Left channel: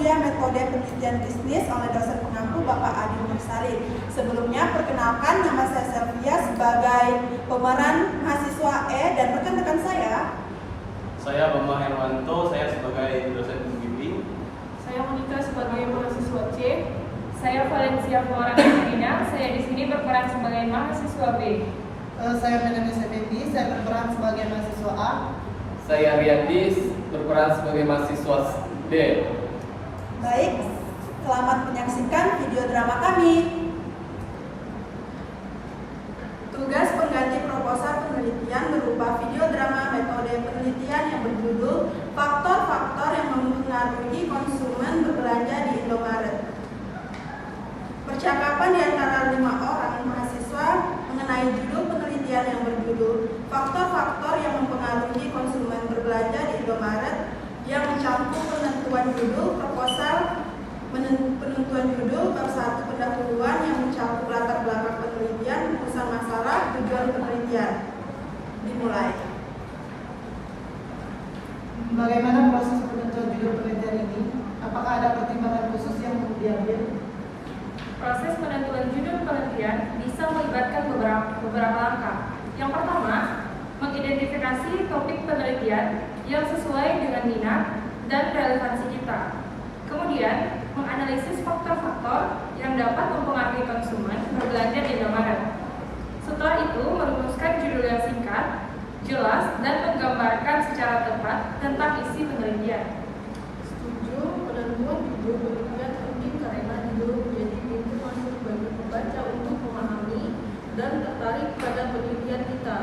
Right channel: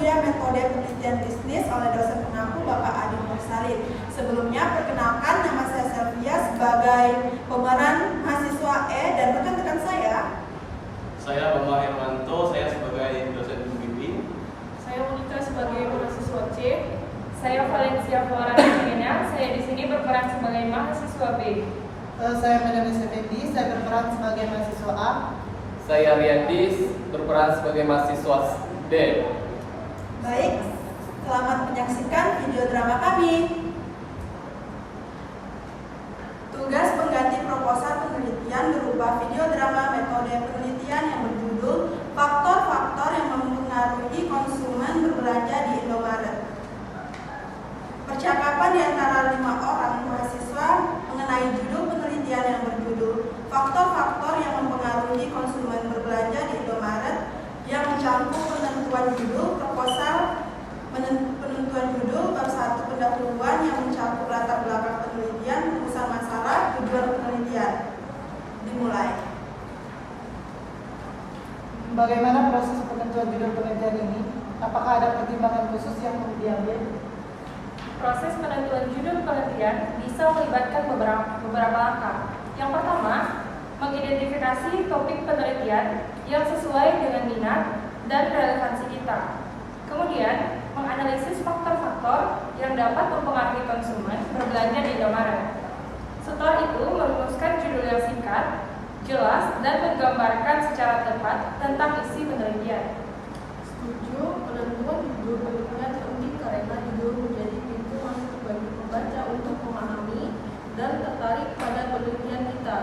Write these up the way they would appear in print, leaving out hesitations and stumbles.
penyedia metode penelitian bisnis oleh dosen pengampu Bapak Adi Mursari. Sebelumnya, perkenalkan nama saya Selvia sebagai pemeran mahasiswa E dan rekan-rekan Saya Bambang Hermanto, saya sebagai dosen pembimbing. Saya Monika sebagai mahasiswa C. Saya Valencia Flora Katarina, saya di sini berperan sebagai mahasiswa B. Saya Melanie Effendi, saya berperan sebagai mahasiswa A. Saya Riyandis, berperan sebagai mahasiswa B. Baik, selamat menyaksikan video drama kami. Tugas pengganti proposal penelitian berupa video drama metode penelitian yang berjudul Faktor-faktor yang mempengaruhi konsumen berbelanja di Indomaret. Percakapan di antara 5 orang mahasiswa mengenai judul penelitian yang berjudul Faktor-faktor yang mempengaruhi konsumen berbelanja di Indomaret yang mencakup penentuan judul proposal, penentuan judul, bab 1 pendahuluan yang mencakup latar belakang penelitian, rumusan masalah, tujuan penelitian. Dimulai. Bagaimana proses penentuan judul penelitian ini? Apakah ada pertimbangan khusus yang perlu diambil? Proses penentuan judul penelitian bisa melibatkan beberapa langkah. Yang pertama, mengidentifikasi topik penelitian yang sesuai dengan minat dan relevansi kita. Kemudian, menganalisis faktor-faktor yang dapat mempengaruhi konsumen berbelanja di Indomaret. Setelah itu, merumuskan judul yang singkat, jelas, dan menggambarkan secara tepat tentang isi penelitian. Setuju, penentuan judul penelitian penting karena judul menjadi pintu masuk bagi pembaca untuk memahami dan tertarik pada penelitian kita.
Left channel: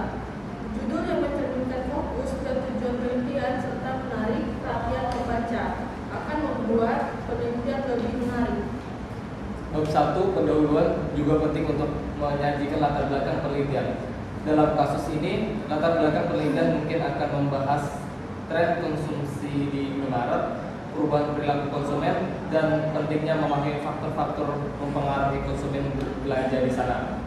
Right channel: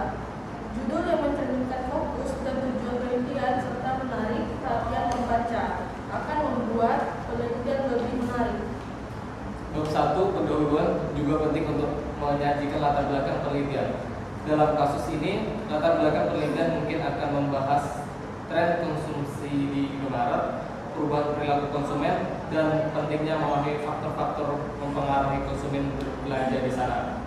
Judul yang mencerminkan fokus dan tujuan penelitian serta menarik perhatian pembaca akan membuat penelitian lebih menarik. Bab 1 pendahuluan juga penting untuk menyajikan latar belakang penelitian. Dalam kasus ini, latar belakang penelitian mungkin akan membahas tren konsumsi di Indomaret, perubahan perilaku konsumen, dan pentingnya memahami faktor-faktor mempengaruhi konsumen belanja di sana.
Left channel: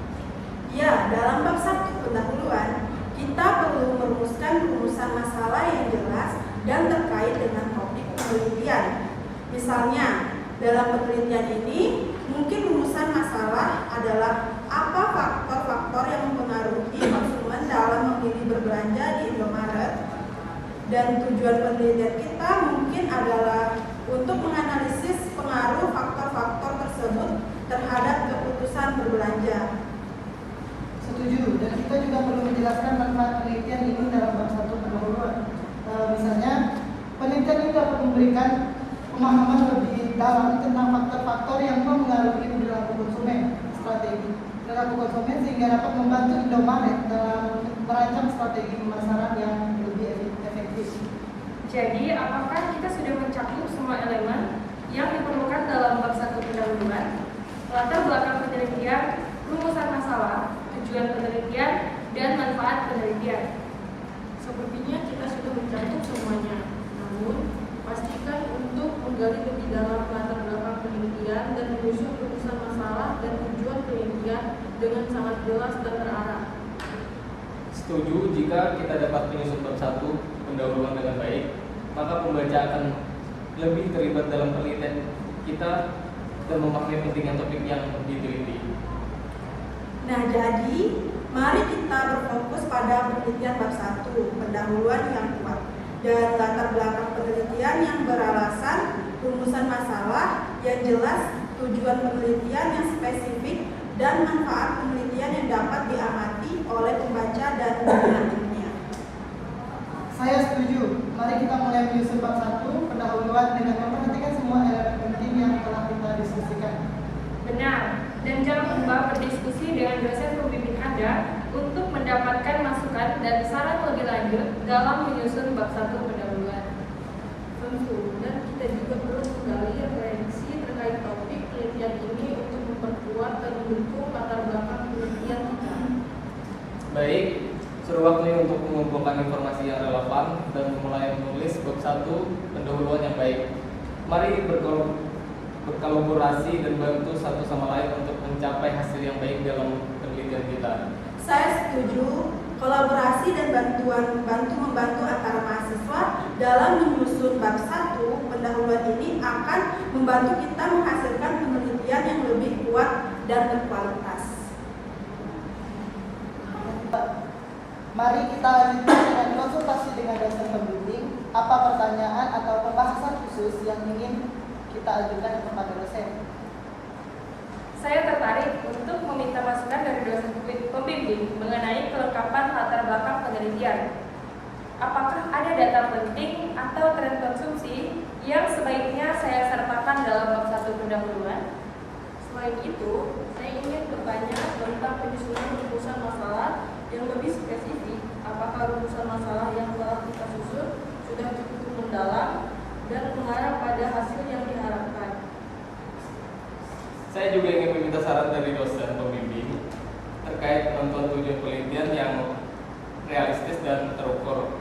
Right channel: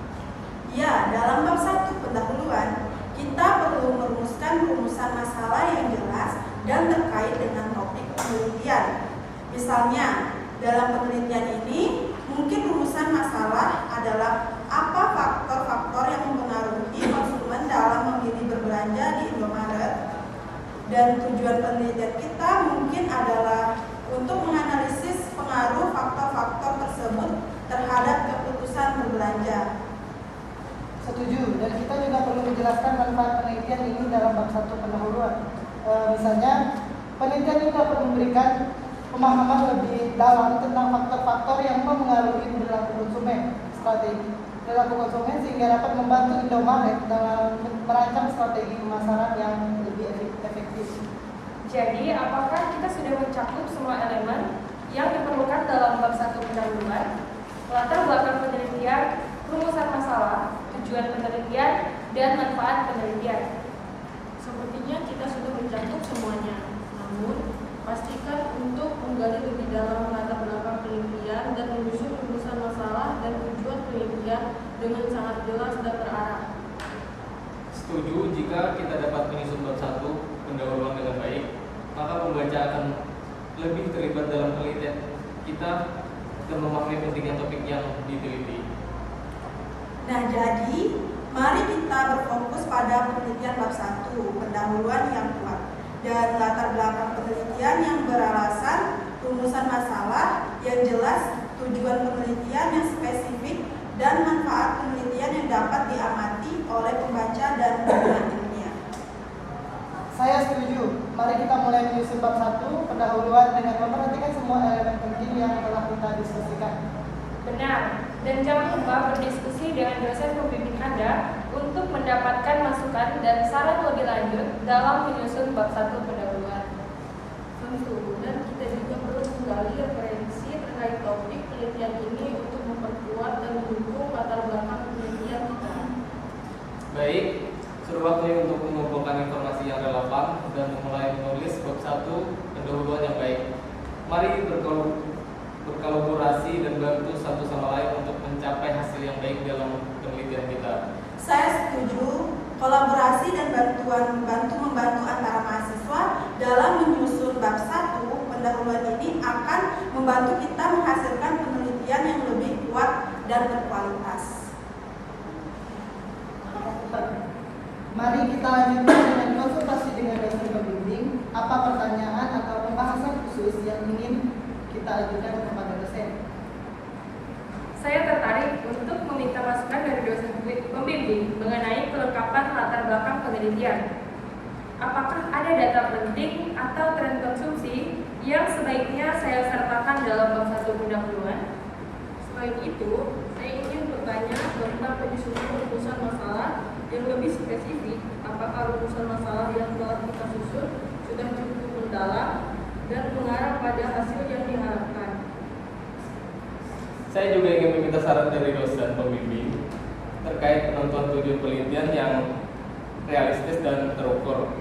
Ya, dalam bab 1 pendahuluan, kita perlu merumuskan rumusan masalah yang jelas dan terkait dengan topik penelitian. Misalnya, dalam penelitian ini, mungkin rumusan masalah adalah apa faktor-faktor yang mempengaruhi konsumen dalam memilih berbelanja di Indomaret. Dan tujuan penelitian kita mungkin adalah untuk menganalisis pengaruh faktor-faktor tersebut terhadap keputusan berbelanja. Setuju, dan kita juga perlu menjelaskan manfaat penelitian ini dalam bab 1 pendahuluan. Misalnya, penelitian ini dapat memberikan pemahaman lebih dalam tentang faktor-faktor yang mempengaruhi perilaku konsumen, strategi perilaku konsumen, sehingga dapat membantu Indomaret dalam merancang strategi pemasaran yang lebih efektif. Jadi, apakah kita sudah mencakup semua elemen yang diperlukan dalam bab 1 pendahuluan, latar belakang penelitian, rumusan masalah, tujuan penelitian, dan manfaat penelitian? Sepertinya kita sudah mencakup semuanya. Namun, pastikan untuk menggali lebih dalam latar belakang penelitian dan menyusun rumusan masalah dan tujuan penelitian dengan sangat jelas dan terarah. Setuju, jika kita dapat menyusun bab 1 pendahuluan dengan baik, maka pembaca akan lebih terlibat dalam penelitian kita dan memahami pentingnya topik yang diteliti. Nah, jadi mari kita berfokus pada penelitian bab 1, pendahuluan yang kuat, dan latar belakang penelitian yang beralasan, rumusan masalah yang jelas, tujuan penelitian yang spesifik, dan manfaat penelitian yang dapat diamati oleh pembaca dan dunia ilmiah. Saya setuju. Mari kita mulai menyusun bab 1 pendahuluan dengan memperhatikan semua elemen penting yang telah kita diskusikan. Benar, dan jangan lupa berdiskusi dengan dosen pembimbing Anda untuk mendapatkan masukan dan saran lebih lanjut dalam menyusun bab 1 pendahuluan. Tentu, dan kita juga perlu menggali referensi terkait topik penelitian ini untuk memperkuat dan mendukung latar belakang penelitian kita. Baik, sudah waktunya untuk mengumpulkan informasi yang relevan dan memulai menulis bab 1 pendahuluan yang baik. Mari berkolaborasi dan bantu satu sama lain untuk mencapai hasil yang baik dalam penelitian kita. Saya setuju, kolaborasi dan bantu membantu antara mahasiswa mahasiswa dalam menyusun bab 1 pendahuluan ini akan membantu kita menghasilkan penelitian yang lebih kuat dan berkualitas. Mari kita lanjutkan dengan konsultasi dengan dosen pembimbing. Apa pertanyaan atau pembahasan khusus yang ingin kita ajukan kepada dosen? Saya tertarik untuk meminta masukan dari dosen pembimbing mengenai kelengkapan latar belakang penelitian. Apakah ada data penting atau tren konsumsi yang sebaiknya saya sertakan dalam bab 1 pendahuluan? Selain itu, saya ingin bertanya tentang penyusunan rumusan masalah yang lebih spesifik. Apakah rumusan masalah yang telah kita susun sudah cukup mendalam dan mengarah pada hasil yang diharapkan? Saya juga ingin meminta saran dari dosen pembimbing terkait penentuan tujuan penelitian yang realistis dan terukur.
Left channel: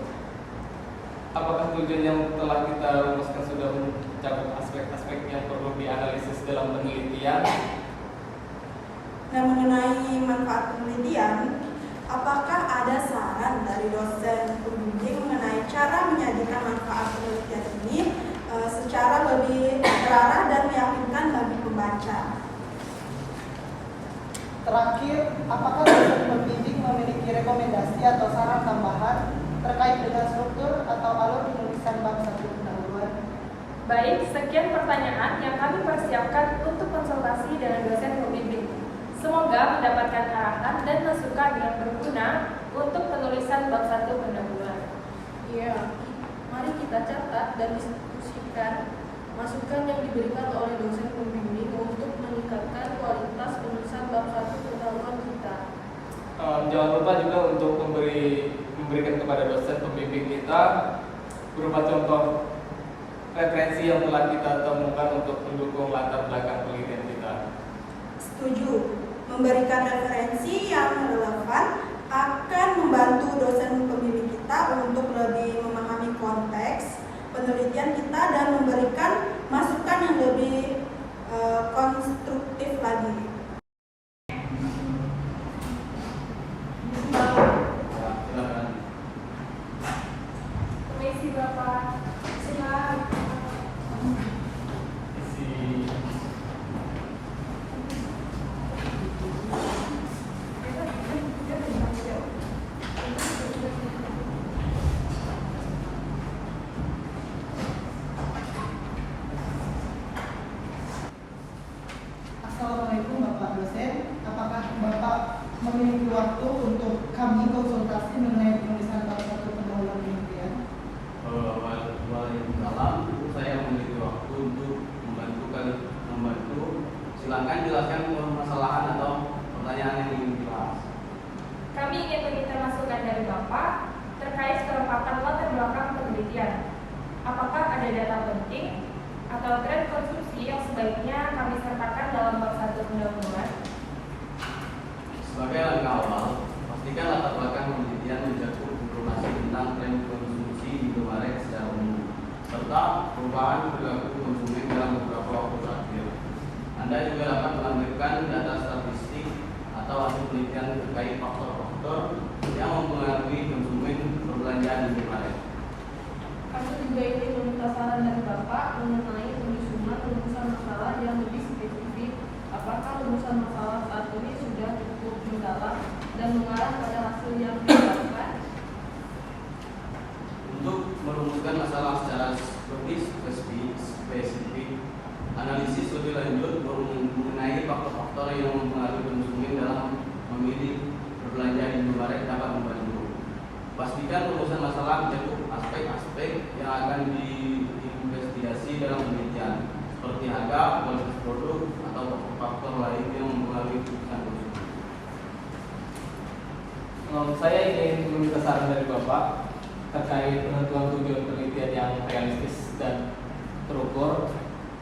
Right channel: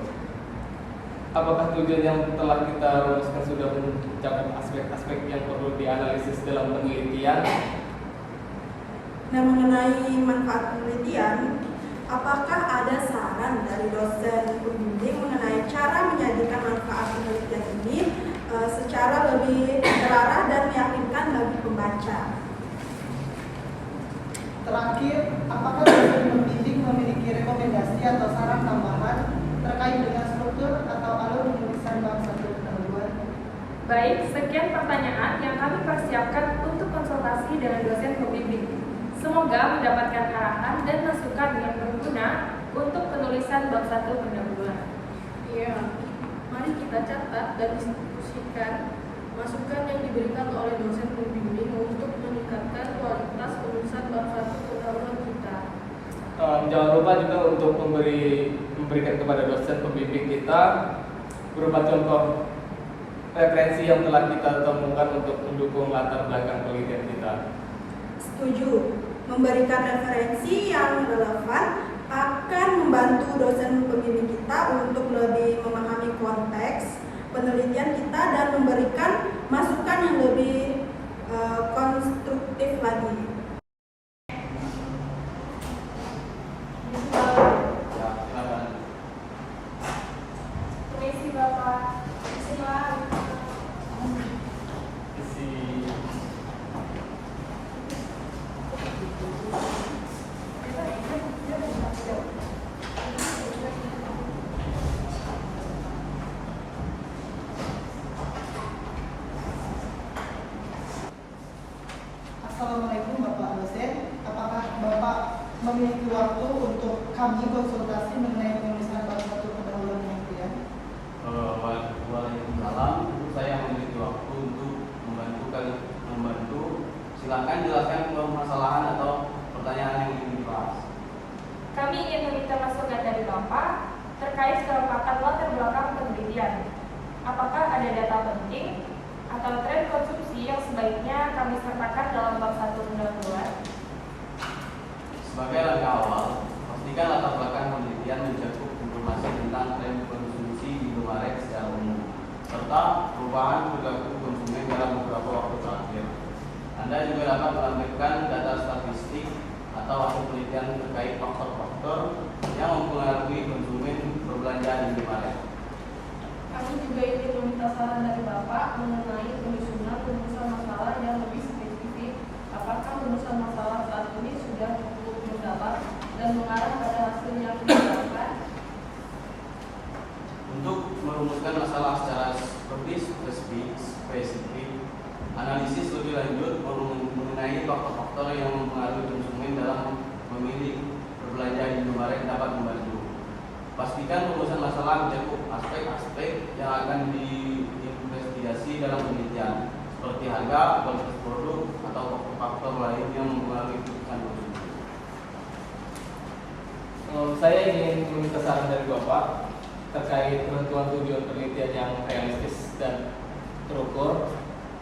Apakah tujuan yang telah kita rumuskan sudah mencakup aspek-aspek yang perlu dianalisis dalam penelitian? Nah, mengenai manfaat penelitian, apakah ada saran dari dosen pembimbing mengenai cara menyajikan manfaat penelitian ini secara lebih terarah dan meyakinkan bagi pembaca? Terakhir, apakah dosen pembimbing memiliki rekomendasi atau saran tambahan terkait dengan struktur atau alur penulisan bab 1 pendahuluan? Baik, sekian pertanyaan yang kami persiapkan untuk konsultasi dengan dosen pembimbing. Semoga mendapatkan arahan dan masukan yang berguna untuk penulisan bab 1 pendahuluan. Iya, mari kita catat dan diskusikan masukan yang diberikan oleh dosen pembimbing untuk meningkatkan kualitas penulisan bab 1 pendahuluan kita. Jangan lupa juga untuk memberikan kepada dosen pembimbing kita berupa contoh referensi yang telah kita temukan untuk mendukung latar belakang penelitian kita. Setuju. Memberikan referensi yang relevan akan membantu dosen pembimbing kita untuk lebih memahami konteks penelitian kita dan memberikan masukan yang lebih konstruktif lagi. Silakan. Permisi Bapak, silakan. Assalamualaikum Bapak dosen. Apakah Bapak memiliki waktu untuk kami konsultasi mengenai penulisan bab 1 pendahuluan yang mulia? Waalaikumsalam. Saya memiliki waktu untuk membantu. Silakan jelaskan permasalahan atau pertanyaan yang ingin dibahas. Kami ingin meminta masukan dari Bapak terkait kelengkapan latar belakang penelitian. Apakah ada data penting atau tren konsumsi yang sebaiknya kami sertakan dalam bab 1 pendahuluan? Sebagai langkah awal, pastikan latar belakang penelitian mencakup informasi tentang tren konsumsi di Indomaret secara umum, serta perubahan perilaku konsumen dalam beberapa waktu terakhir. Anda juga dapat melampirkan data statistik atau hasil penelitian terkait faktor-faktor yang mempengaruhi konsumen berbelanja di Indomaret. Kami juga ingin meminta saran dari Bapak mengenai penyusunan rumusan masalah yang lebih spesifik. Apakah rumusan masalah saat ini sudah cukup mendalam dan mengarah pada hasil yang diharapkan? Untuk merumuskan masalah secara spesifik, analisis lebih lanjut mengenai faktor-faktor yang mempengaruhi konsumen dalam memilih berbelanja di Indomaret dapat membantu. Pastikan rumusan masalah mencakup aspek-aspek yang akan diinvestigasi dalam penelitian, seperti harga, kualitas produk, atau faktor lain yang mempengaruhi keputusan konsumen. Saya ingin meminta saran dari Bapak terkait penentuan tujuan penelitian yang realistis dan terukur.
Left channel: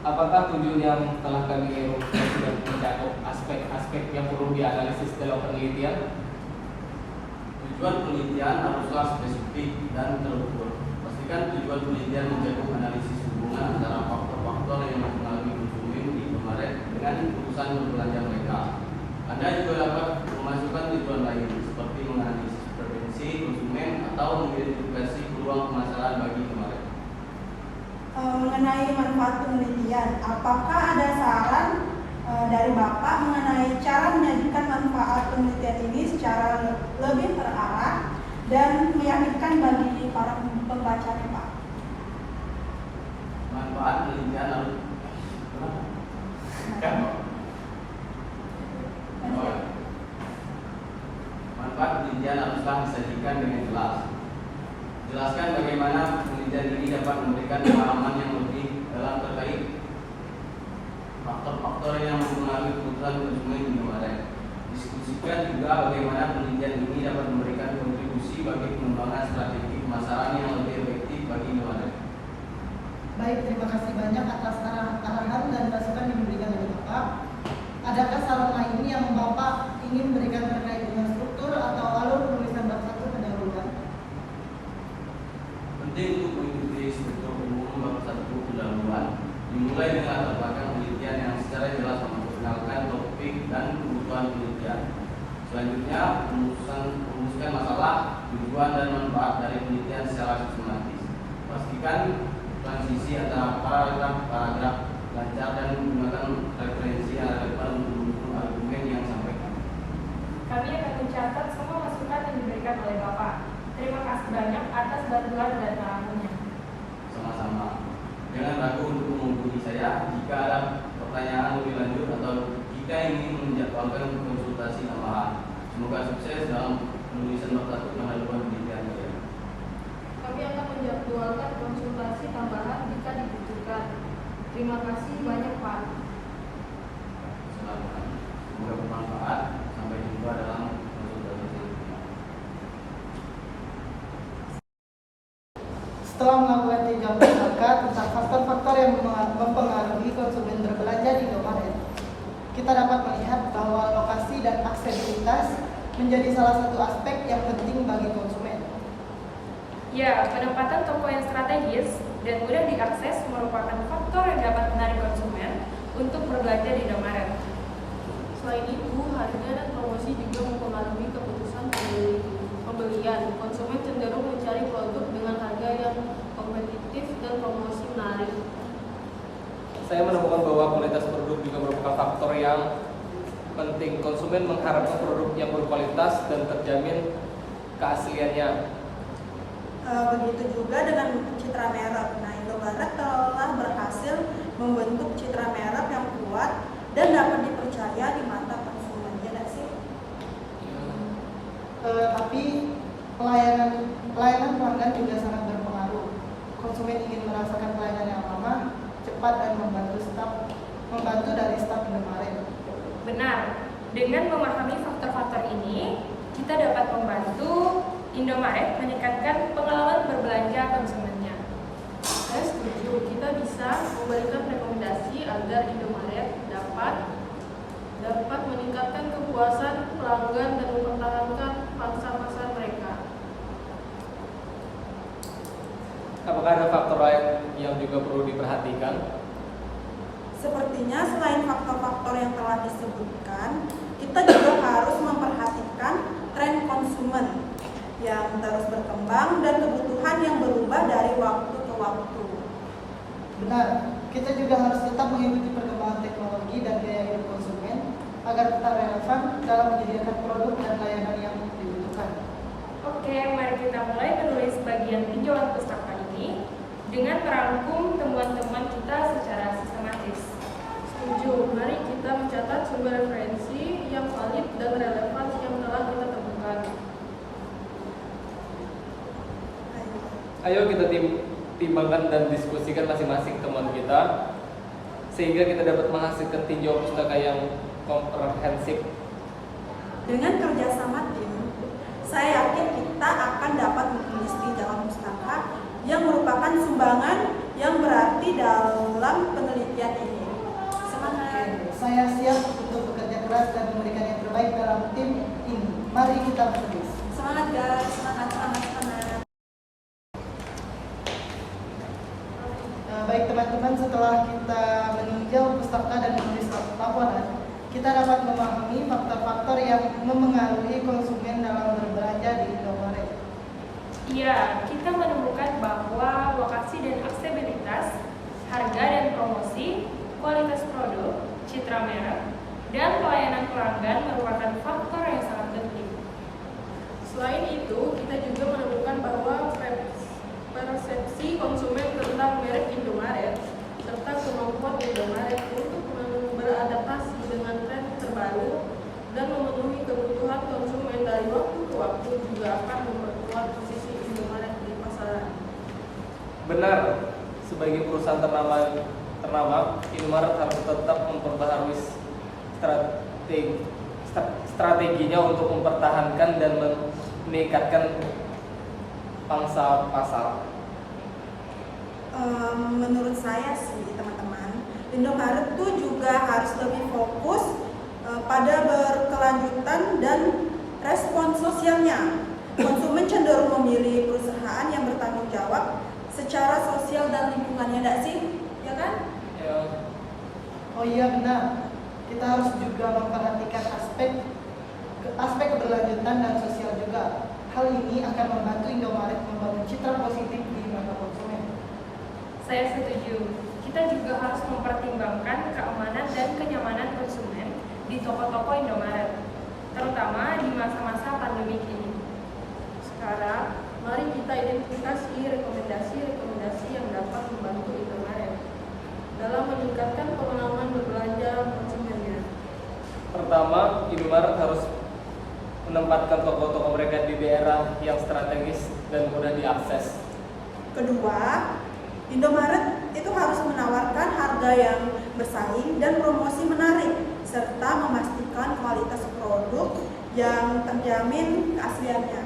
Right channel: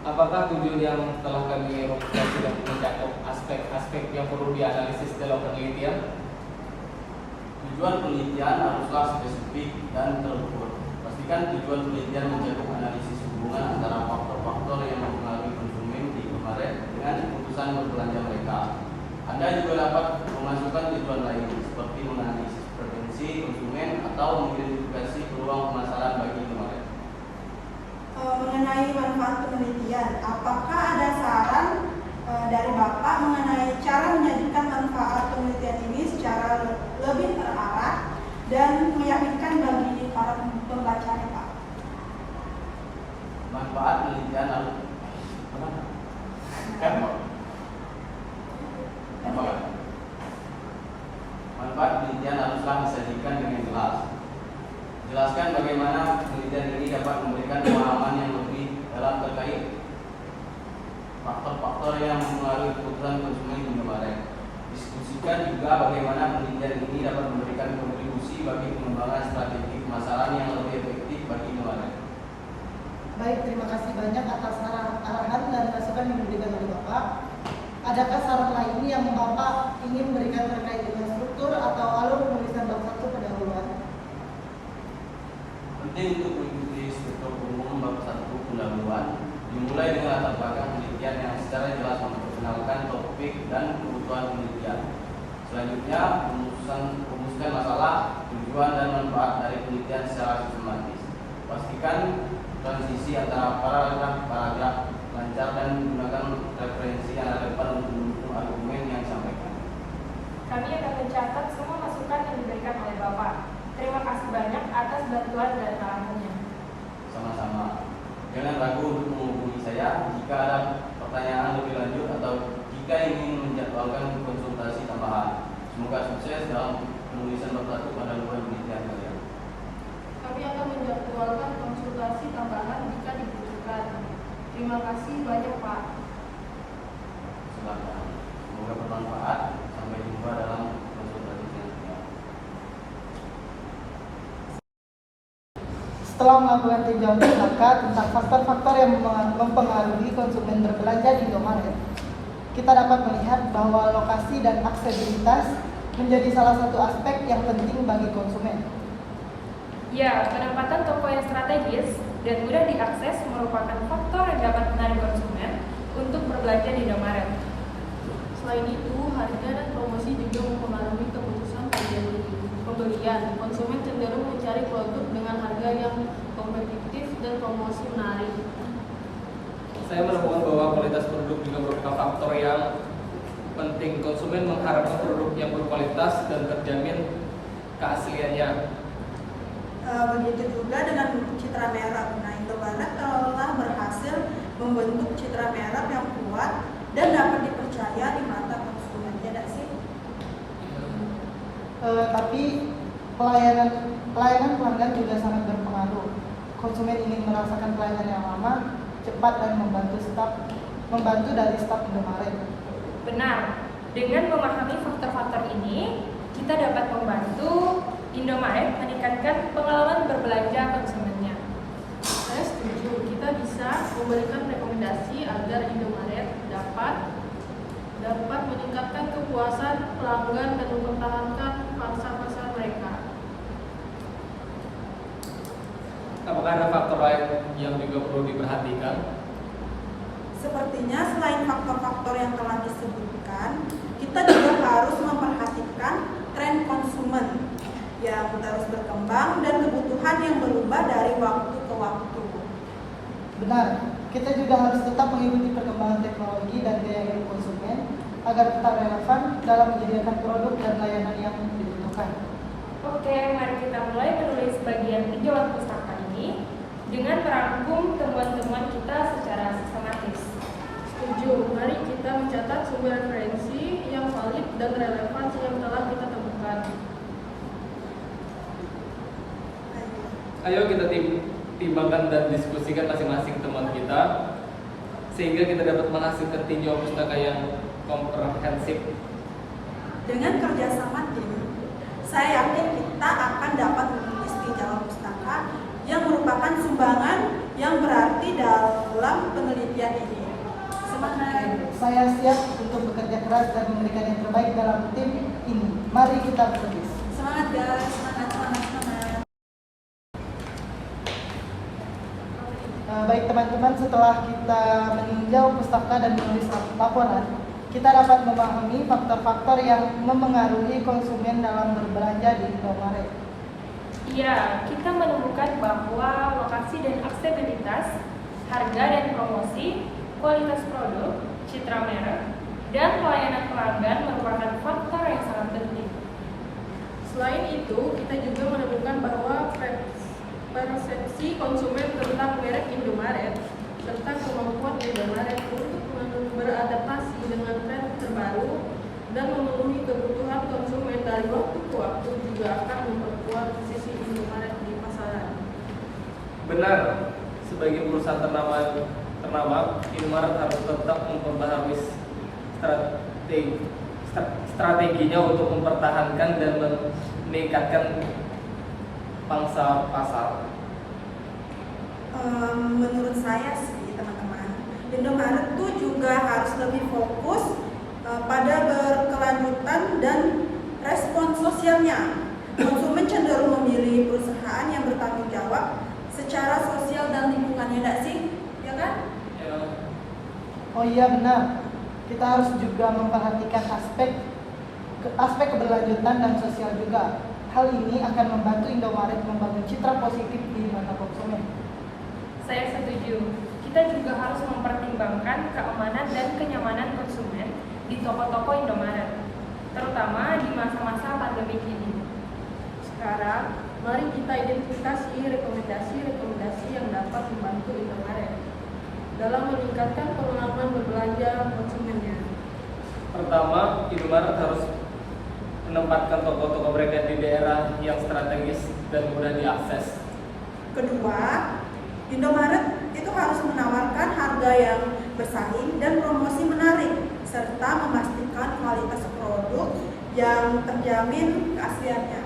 Apakah tujuan yang telah kami rumuskan sudah mencakup aspek-aspek yang perlu dianalisis dalam penelitian? Tujuan penelitian haruslah spesifik dan terukur. Pastikan tujuan penelitian mencakup analisis hubungan antara faktor-faktor yang mempengaruhi konsumen di Indomaret dengan keputusan berbelanja mereka. Anda juga dapat memasukkan tujuan lain seperti menganalisis preferensi konsumen atau mengidentifikasi peluang pemasaran bagi Indomaret. Mengenai manfaat penelitian, apakah ada saran dari Bapak mengenai cara menyajikan manfaat penelitian ini secara lebih terarah dan meyakinkan bagi para pembaca, Pak? Manfaat penelitian harus manfaat penelitian haruslah disajikan dengan jelas. Jelaskan bagaimana penelitian ini dapat memberikan pemahaman yang lebih dalam terkait faktor-faktor yang mempengaruhi keputusan konsumen di Indomaret. Diskusikan juga bagaimana penelitian ini dapat memberikan kontribusi bagi pengembangan strategi pemasaran yang lebih efektif bagi Indomaret. Baik, terima kasih banyak atas arahan dan masukan yang diberikan oleh Bapak. Adakah saran lain yang Bapak ingin berikan terkait dengan struktur atau alur penulisan bab 1 pendahuluan? Penting untuk mengikuti struktur umum bab 1 pendahuluan, dimulai dengan latar belakang penelitian yang secara jelas memperkenalkan topik dan kebutuhan penelitian. Selanjutnya, merumuskan masalah, tujuan dan manfaat dari penelitian secara sistematis. Pastikan transisi antara paragraf lancar dan menggunakan referensi yang relevan untuk mendukung argumen yang disampaikan. Kami akan mencatat semua masukan yang diberikan oleh Bapak. Terima kasih banyak atas bantuan dan arahannya. Sama-sama. Jangan ragu untuk menghubungi saya jika ada pertanyaan lebih lanjut atau jika ingin menjadwalkan konsultasi tambahan. Semoga sukses dalam penulisan bab 1 pendahuluan penelitian kalian. Kami akan menjadwalkan konsultasi tambahan jika dibutuhkan. Terima kasih banyak, Pak. Silakan. Semoga bermanfaat. Sampai jumpa dalam konsultasi selanjutnya. Setelah melakukan tinjauan pustaka tentang faktor-faktor yang mempengaruhi konsumen berbelanja di Indomaret, kita dapat melihat bahwa lokasi dan aksesibilitas menjadi salah satu aspek yang penting bagi konsumen. Ya, penempatan toko yang strategis dan mudah diakses merupakan faktor yang dapat menarik konsumen untuk berbelanja di Indomaret. Selain itu, harga dan promosi juga mempengaruhi keputusan pembelian. Konsumen cenderung mencari produk dengan harga yang kompetitif dan promosi menarik. Saya menemukan bahwa kualitas produk juga merupakan faktor yang penting. Konsumen mengharapkan produk yang berkualitas dan terjamin keasliannya. Begitu juga dengan citra merek. Nah, Indomaret telah berhasil membentuk citra merek yang kuat dan dapat dipercaya di mata konsumen. Ya nggak sih? Tapi pelayanan pelanggan juga sangat berpengaruh. Konsumen ingin merasakan pelayanan yang lama, cepat dan membantu dari staf Indomaret. Benar, dengan memahami faktor-faktor ini, kita dapat membantu Indomaret meningkatkan pengalaman berbelanja konsumennya. Saya setuju, kita bisa memberikan rekomendasi agar Indomaret dapat meningkatkan kepuasan pelanggan dan mempertahankan pangsa pasar mereka. Apakah ada faktor lain yang juga perlu diperhatikan? Sepertinya selain faktor-faktor yang telah disebutkan, kita juga harus memperhatikan tren konsumen yang terus berkembang dan kebutuhan yang berubah dari waktu ke waktu. Benar, kita juga harus tetap mengikuti perkembangan teknologi dan gaya hidup konsumen agar tetap relevan dalam menyediakan produk dan layanan yang dibutuhkan. Oke, mari kita mulai menulis bagian tinjauan pustaka ini dengan merangkum temuan-temuan kita secara sistematis. Setuju, mari kita mencatat sumber referensi yang valid dan relevan yang telah kita temukan. Ayo kita timbangkan dan diskusikan masing-masing teman kita sehingga kita dapat menghasilkan tinjauan pustaka yang komprehensif. Dengan kerjasama tim, saya yakin kita akan dapat menulis tinjauan pustaka yang merupakan sumbangan yang berarti dalam penelitian ini. Semangat! Saya siap untuk bekerja keras dan memberikan yang terbaik dalam tim ini. Mari kita bekerja. Semangat guys, semangat, semangat, semangat. Baik teman-teman, setelah kita meninjau pustaka dan menulis laporan, kita dapat memahami faktor-faktor yang mempengaruhi konsumen dalam berbelanja di Indomaret. Iya, kita menemukan bahwa lokasi dan aksesibilitas, harga dan promosi, kualitas produk, citra merek, dan pelayanan pelanggan merupakan faktor yang sangat penting. Selain itu, kita juga menemukan bahwa persepsi konsumen tentang merek Indomaret serta kemampuan Indomaret untuk beradaptasi dengan tren terbaru dan memenuhi kebutuhan konsumen dari waktu ke waktu juga akan memperkuat posisi Indomaret di pasaran. Benar, sebagai perusahaan ternama, Indomaret harus tetap memperbaharui strateginya untuk mempertahankan dan meningkatkan pangsa pasar. Menurut saya sih teman-teman, Indomaret tuh juga harus lebih fokus pada berkelanjutan dan respon sosialnya. Konsumen cenderung memilih perusahaan yang bertanggung jawab secara sosial dan lingkungannya, tidak sih? Ya kan? Oh iya benar. Kita harus juga memperhatikan aspek keberlanjutan dan sosial juga. Hal ini akan membantu Indomaret membangun citra positif di mata konsumen. Saya setuju. Kita juga harus mempertimbangkan keamanan dan kenyamanan konsumen di toko-toko Indomaret, terutama di masa-masa pandemi ini. Sekarang, mari kita identifikasi rekomendasi yang dapat membantu Indomaret dalam meningkatkan pengalaman berbelanja konsumennya. Pertama, Indomaret harus menempatkan toko-toko mereka di daerah yang strategis dan mudah diakses. Kedua, Indomaret itu harus menawarkan harga yang bersaing dan promosi menarik, serta memastikan kualitas produk yang terjamin keasliannya.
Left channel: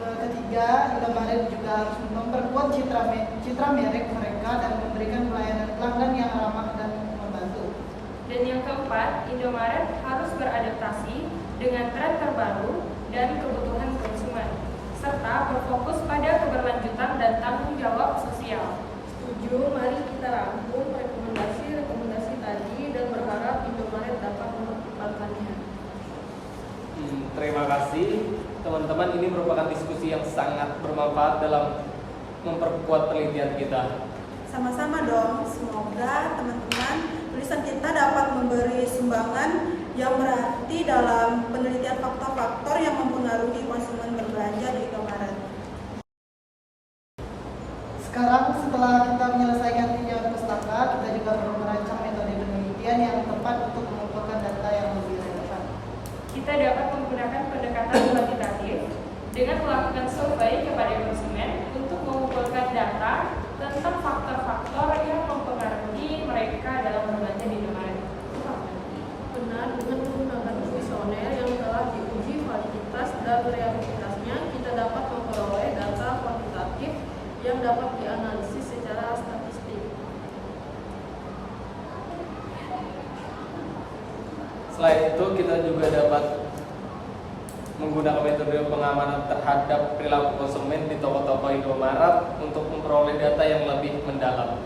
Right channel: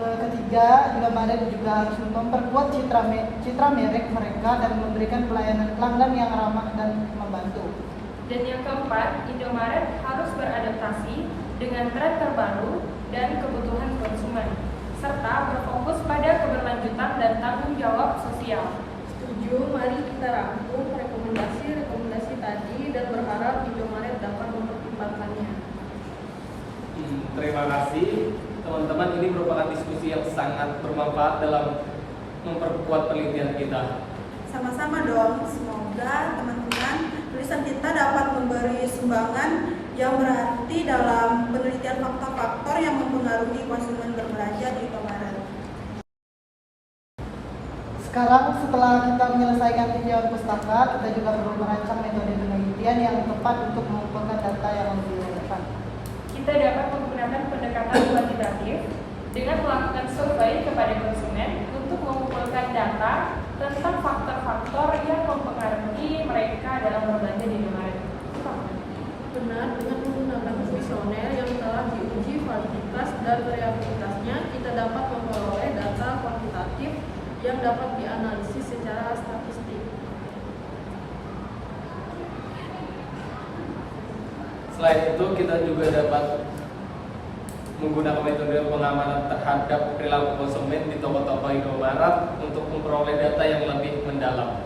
Ketiga, Indomaret juga harus memperkuat citra merek mereka dan memberikan pelayanan pelanggan yang ramah dan membantu. Dan yang keempat, Indomaret harus beradaptasi dengan tren terbaru dan kebutuhan konsumen, serta berfokus pada keberlanjutan dan tanggung jawab sosial. Setuju, mari kita rangkum rekomendasi tadi dan berharap Indomaret dapat mempertimbangkannya. Terima kasih teman-teman, ini merupakan diskusi yang sangat bermanfaat dalam memperkuat penelitian kita. Sama-sama dong, semoga teman-teman tulisan kita dapat memberi sumbangan yang berarti dalam penelitian faktor-faktor yang mempengaruhi konsumen berbelanja di Indomaret. Sekarang setelah kita menyelesaikan tinjauan pustaka, kita juga perlu merancang metode penelitian yang tepat untuk mengumpulkan data yang lebih relevan. Kita dapat menggunakan pendekatan kuantitatif dengan melakukan survei kepada konsumen untuk mengumpulkan data tentang faktor-faktor yang mempengaruhi mereka dalam berbelanja di Indomaret. Benar, dengan menggunakan kuesioner yang telah diuji validitas dan realitasnya, kita dapat memperoleh data kuantitatif yang dapat dianalisis secara statistik. Selain itu, kita juga dapat menggunakan metode pengamanan terhadap perilaku konsumen di toko-toko Indomaret untuk memperoleh data yang lebih mendalam.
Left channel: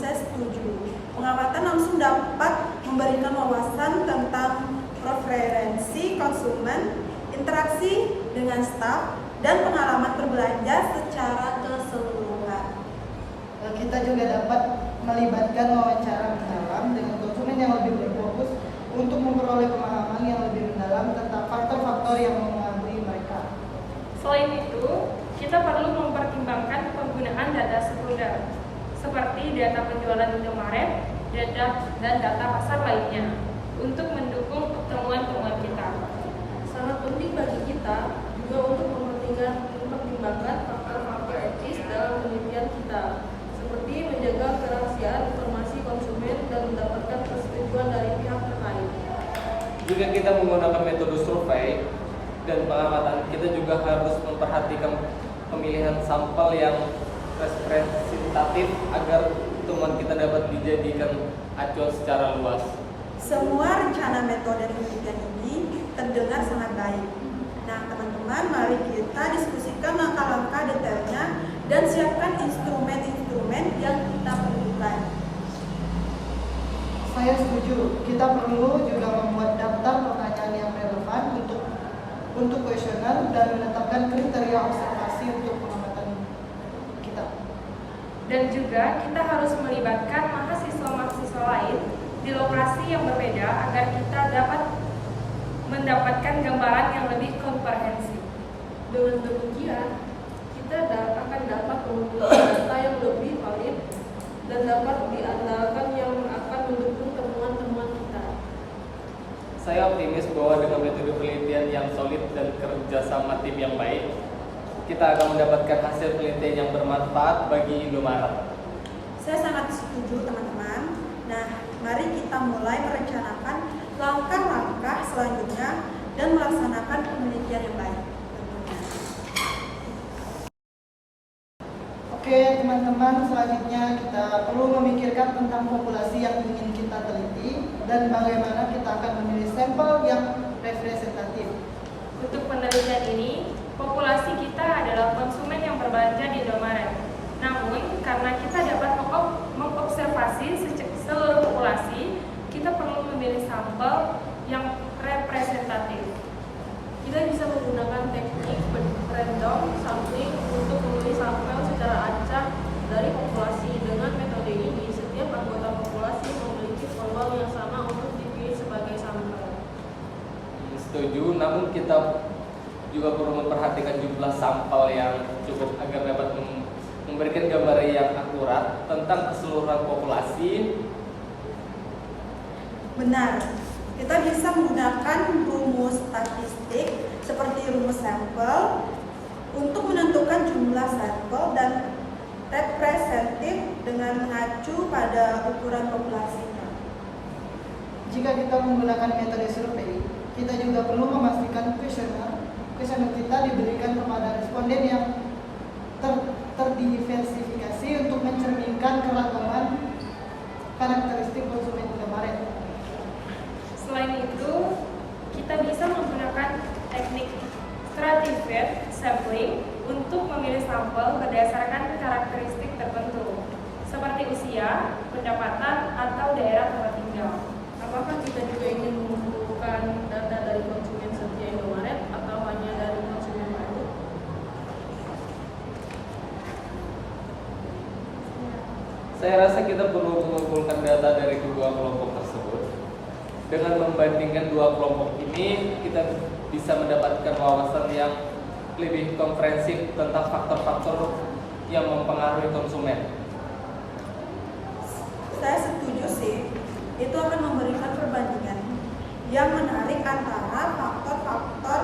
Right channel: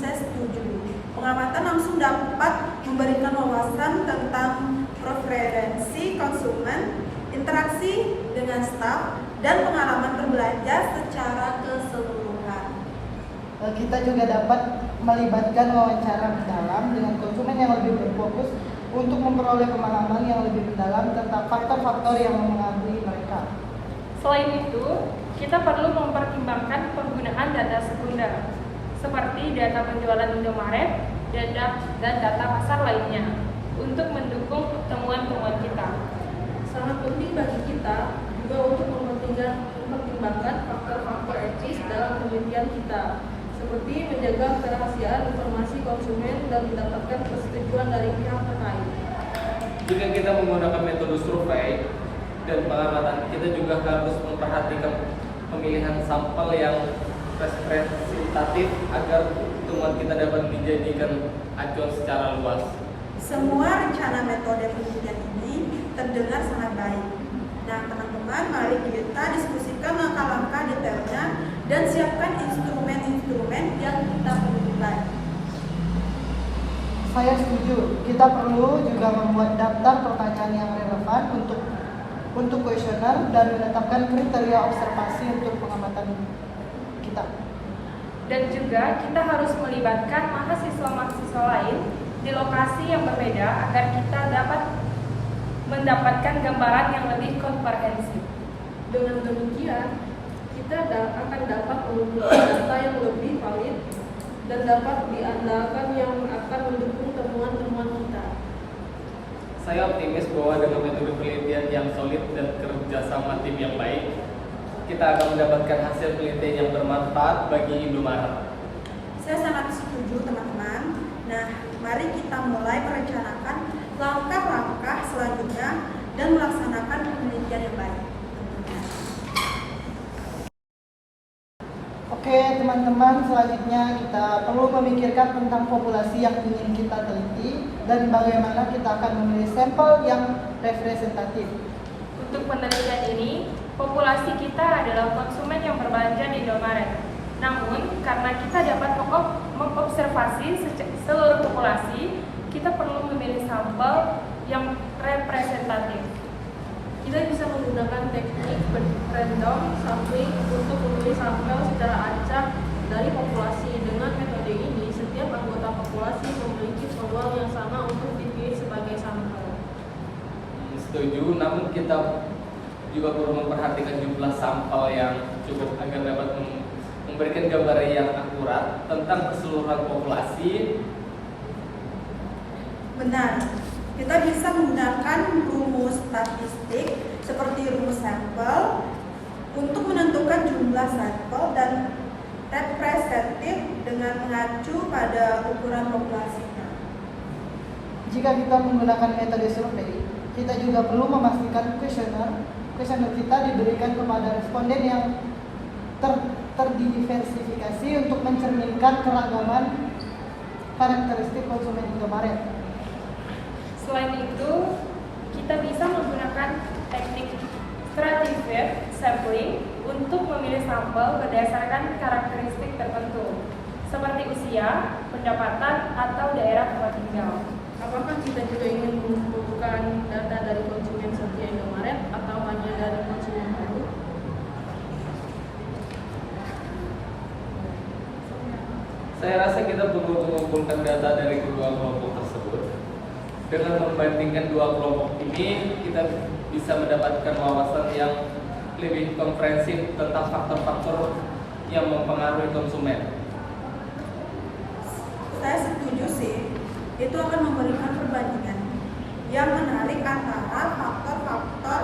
Saya setuju. Pengamatan langsung dapat memberikan wawasan tentang preferensi konsumen, interaksi dengan staf, dan pengalaman berbelanja secara keseluruhan. Kita juga dapat melibatkan wawancara mendalam dengan konsumen yang lebih berfokus untuk memperoleh pemahaman yang lebih mendalam tentang faktor-faktor yang mempengaruhi mereka. Selain itu, kita perlu mempertimbangkan penggunaan data sekunder, seperti data penjualan Indomaret, dan data pasar lainnya, untuk mendukung temuan-temuan kita. Sangat penting bagi kita juga untuk mempertimbangkan faktor-faktor etis dalam penelitian kita, seperti menjaga kerahasiaan informasi konsumen dan mendapatkan persetujuan dari pihak terkait. Jika kita menggunakan metode survei dan pengamatan, kita juga harus memperhatikan pemilihan sampel yang representatif agar temuan kita dapat dijadikan acuan secara luas. Semua rencana metode penelitian ini terdengar sangat baik. Nah, teman-teman, mari kita diskusikan langkah-langkah detailnya dan siapkan instrumen-instrumen yang kita perlukan. Saya setuju, kita perlu juga membuat daftar pertanyaan yang relevan untuk untuk kuesioner dan menetapkan kriteria observasi untuk pengamatan kita. Dan juga kita harus melibatkan mahasiswa-mahasiswa lain di lokasi yang berbeda agar kita dapat mendapatkan gambaran yang lebih komprehensif. Dengan demikian, kita akan dapat mengumpulkan data yang lebih valid dan dapat diandalkan yang akan mendukung temuan-temuan kita. Saya optimis bahwa dengan metode penelitian yang solid dan kerjasama tim yang baik, kita akan mendapatkan hasil penelitian yang bermanfaat bagi Indomaret. Saya sangat setuju teman-teman. Nah, mari kita mulai merencanakan langkah-langkah selanjutnya dan melaksanakan penelitian yang baik. Oke teman-teman, selanjutnya kita perlu memikirkan tentang populasi yang ingin kita teliti dan bagaimana kita akan memilih sampel yang representatif. Untuk penelitian ini, populasi kita adalah konsumen yang berbelanja di Indomaret. Namun, karena kita dapat mengobservasi seluruh populasi, kita perlu memilih sampel yang representatif. Kita bisa menggunakan teknik random sampling untuk memilih sampel secara acak dari populasi. Dengan metode ini, setiap anggota populasi memiliki peluang yang sama untuk dipilih sebagai sampel. Setuju, namun kita juga perlu memperhatikan jumlah sampel yang cukup agar dapat memberikan gambaran yang akurat tentang keseluruhan populasi. Benar, kita bisa menggunakan rumus statistik seperti rumus sampel untuk menentukan jumlah sampel dan representatif dengan mengacu pada ukuran populasi. Jika kita menggunakan metode survei, kita juga perlu memastikan kuesioner kita diberikan kepada responden yang terdiversifikasi untuk mencerminkan keragaman karakteristik konsumen Indomaret. Selain itu, kita bisa menggunakan teknik stratified sampling untuk memilih sampel berdasarkan karakteristik tertentu, seperti usia, pendapatan, atau daerah tempat tinggal. Apakah kita juga ingin mengumpulkan data dari konsumen setia Indomaret atau hanya dari konsumen baru? Saya rasa kita perlu mengumpulkan data dari kedua kelompok tersebut. Dengan membandingkan dua kelompok ini, kita bisa mendapatkan wawasan yang lebih komprehensif tentang faktor-faktor yang mempengaruhi konsumen. Saya setuju sih, itu akan memberikan perbandingan yang menarik antara faktor-faktor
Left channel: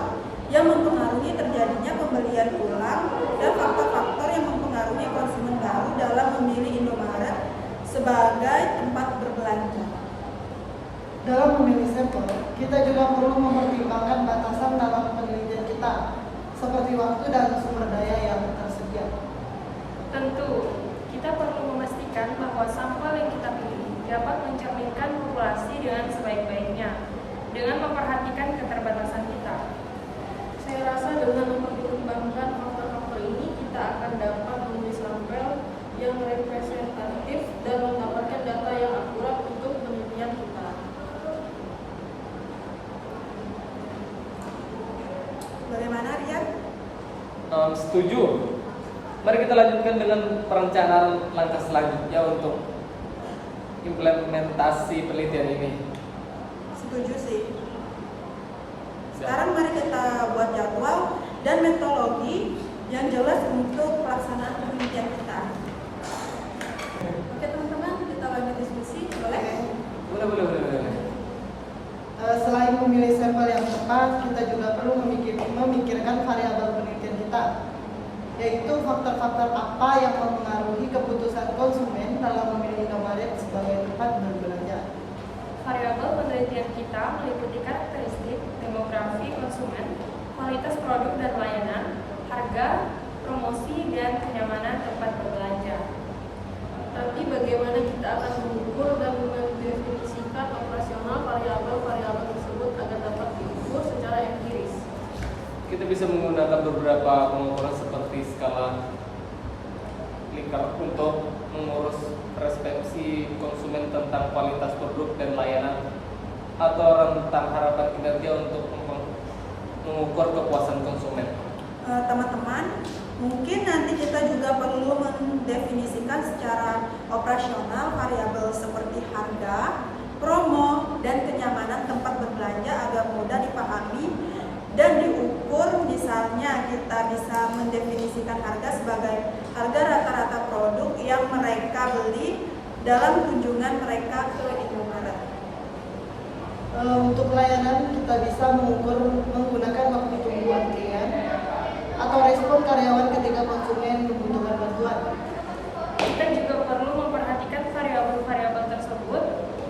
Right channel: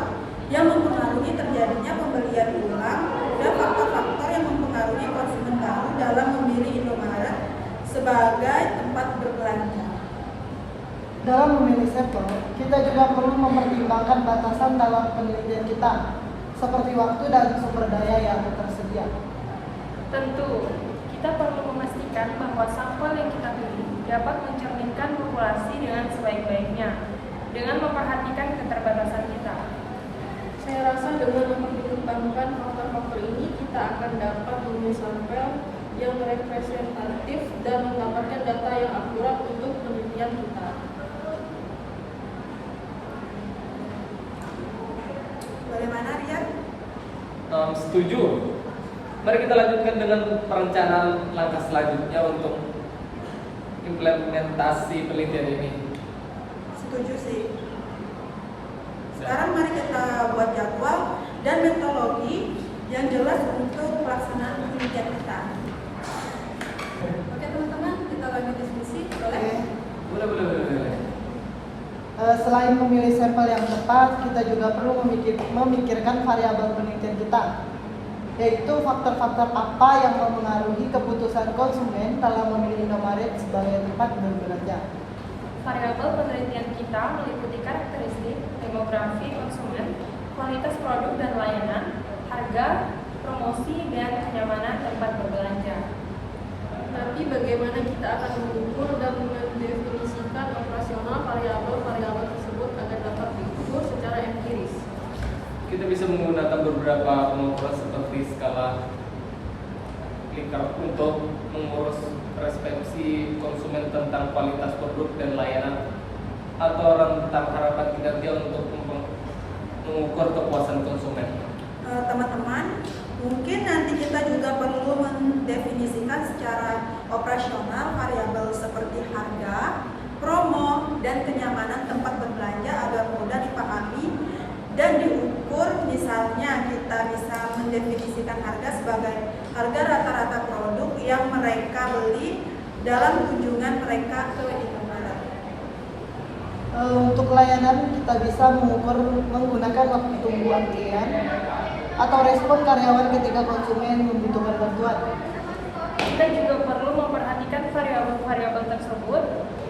yang mempengaruhi terjadinya pembelian ulang dan faktor-faktor yang mempengaruhi konsumen baru dalam memilih Indomaret sebagai tempat berbelanja. Dalam memilih sampel, kita juga perlu mempertimbangkan batasan dalam penelitian kita, seperti waktu dan sumber daya yang tersedia. Tentu, kita perlu memastikan bahwa sampel yang kita pilih dapat mencerminkan populasi dengan sebaik-baiknya, dengan memperhatikan keterbatasan kita. Saya rasa dengan mempertimbangkan faktor-faktor ini, kita akan dapat memilih sampel yang representatif dan mendapatkan data yang akurat untuk penelitian kita. Bagaimana, Rian? Setuju. Mari kita lanjutkan dengan perencanaan langkah selanjutnya untuk implementasi penelitian ini. Setuju sih. Sekarang mari kita buat jadwal dan metodologi yang jelas untuk pelaksanaan penelitian kita. Oke teman-teman, kita lanjut diskusi. Boleh? Boleh. Selain memilih sampel yang tepat, kita juga perlu memikirkan variabel penelitian kita, yaitu faktor-faktor apa yang mempengaruhi keputusan konsumen dalam memilih Indomaret sebagai tempat berbelanja. Variabel penelitian kita meliputi karakteristik, demografi konsumen, kualitas produk dan layanan, harga, promosi, dan kenyamanan tempat berbelanja. Tapi bagaimana kita akan mengukur dan mendefinisikan operasional variabel-variabel tersebut agar dapat diukur secara empiris? Kita bisa menggunakan beberapa pengukuran seperti skala Likert untuk mengurus persepsi konsumen tentang kualitas produk dan layanan, atau rentang harapan kinerja untuk mengukur kepuasan konsumen. Teman-teman, mungkin nanti kita juga perlu mendefinisikan secara operasional variabel seperti harga, promo, dan kenyamanan tempat berbelanja agar mudah dipahami dan diukur. Misalnya kita bisa mendefinisikan harga sebagai harga rata-rata produk yang mereka beli dalam kunjungan mereka ke Indomaret. Untuk layanan kita bisa mengukur menggunakan waktu tunggu antrian atau respon karyawan ketika konsumen membutuhkan bantuan. Kita juga perlu memperhatikan variabel-variabel tersebut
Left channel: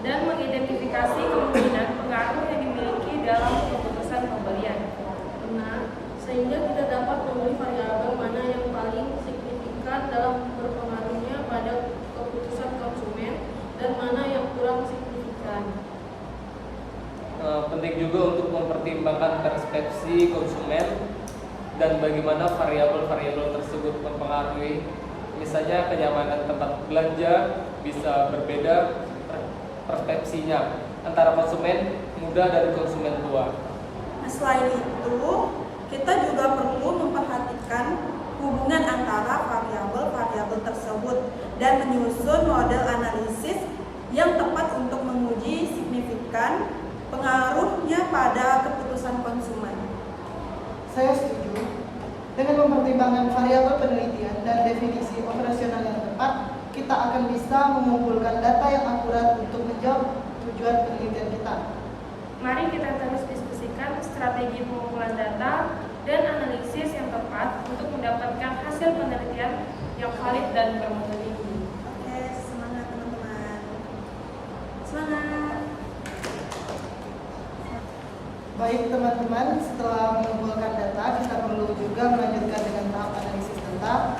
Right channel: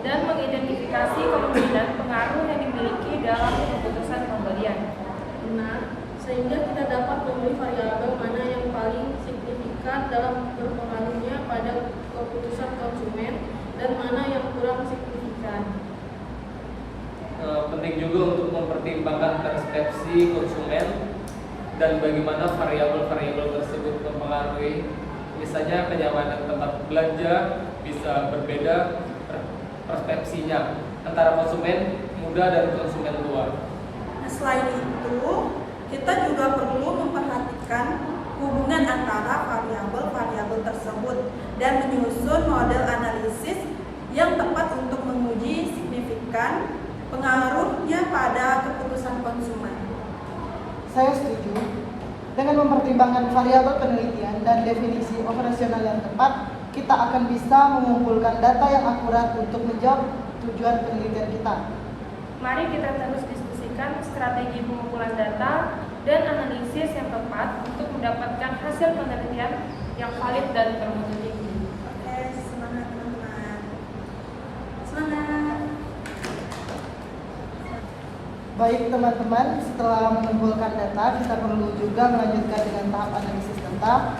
dan mengidentifikasi kemungkinan pengaruh yang dimiliki dalam keputusan pembelian. Benar, sehingga kita dapat memilih variabel mana yang paling signifikan dalam berpengaruhnya pada keputusan konsumen dan mana yang kurang signifikan. Penting juga untuk mempertimbangkan persepsi konsumen dan bagaimana variabel-variabel tersebut mempengaruhi. Misalnya kenyamanan tempat belanja bisa berbeda persepsinya antara konsumen muda dan konsumen tua. Nah, selain itu, kita juga perlu memperhatikan hubungan antara variabel-variabel tersebut dan menyusun model analisis yang tepat untuk menguji signifikan pengaruhnya pada keputusan konsumen. Saya setuju. Dengan mempertimbangkan variabel penelitian dan definisi operasional yang tepat, kita akan bisa mengumpulkan data yang akurat untuk menjawab tujuan penelitian kita. Mari kita terus diskusikan strategi pengumpulan data dan analisis yang tepat untuk mendapatkan hasil penelitian yang valid dan bermutu tinggi. Oke, semangat teman-teman. Semangat. Baik teman-teman, setelah mengumpulkan data, kita perlu juga melanjutkan dengan tahap analisis data.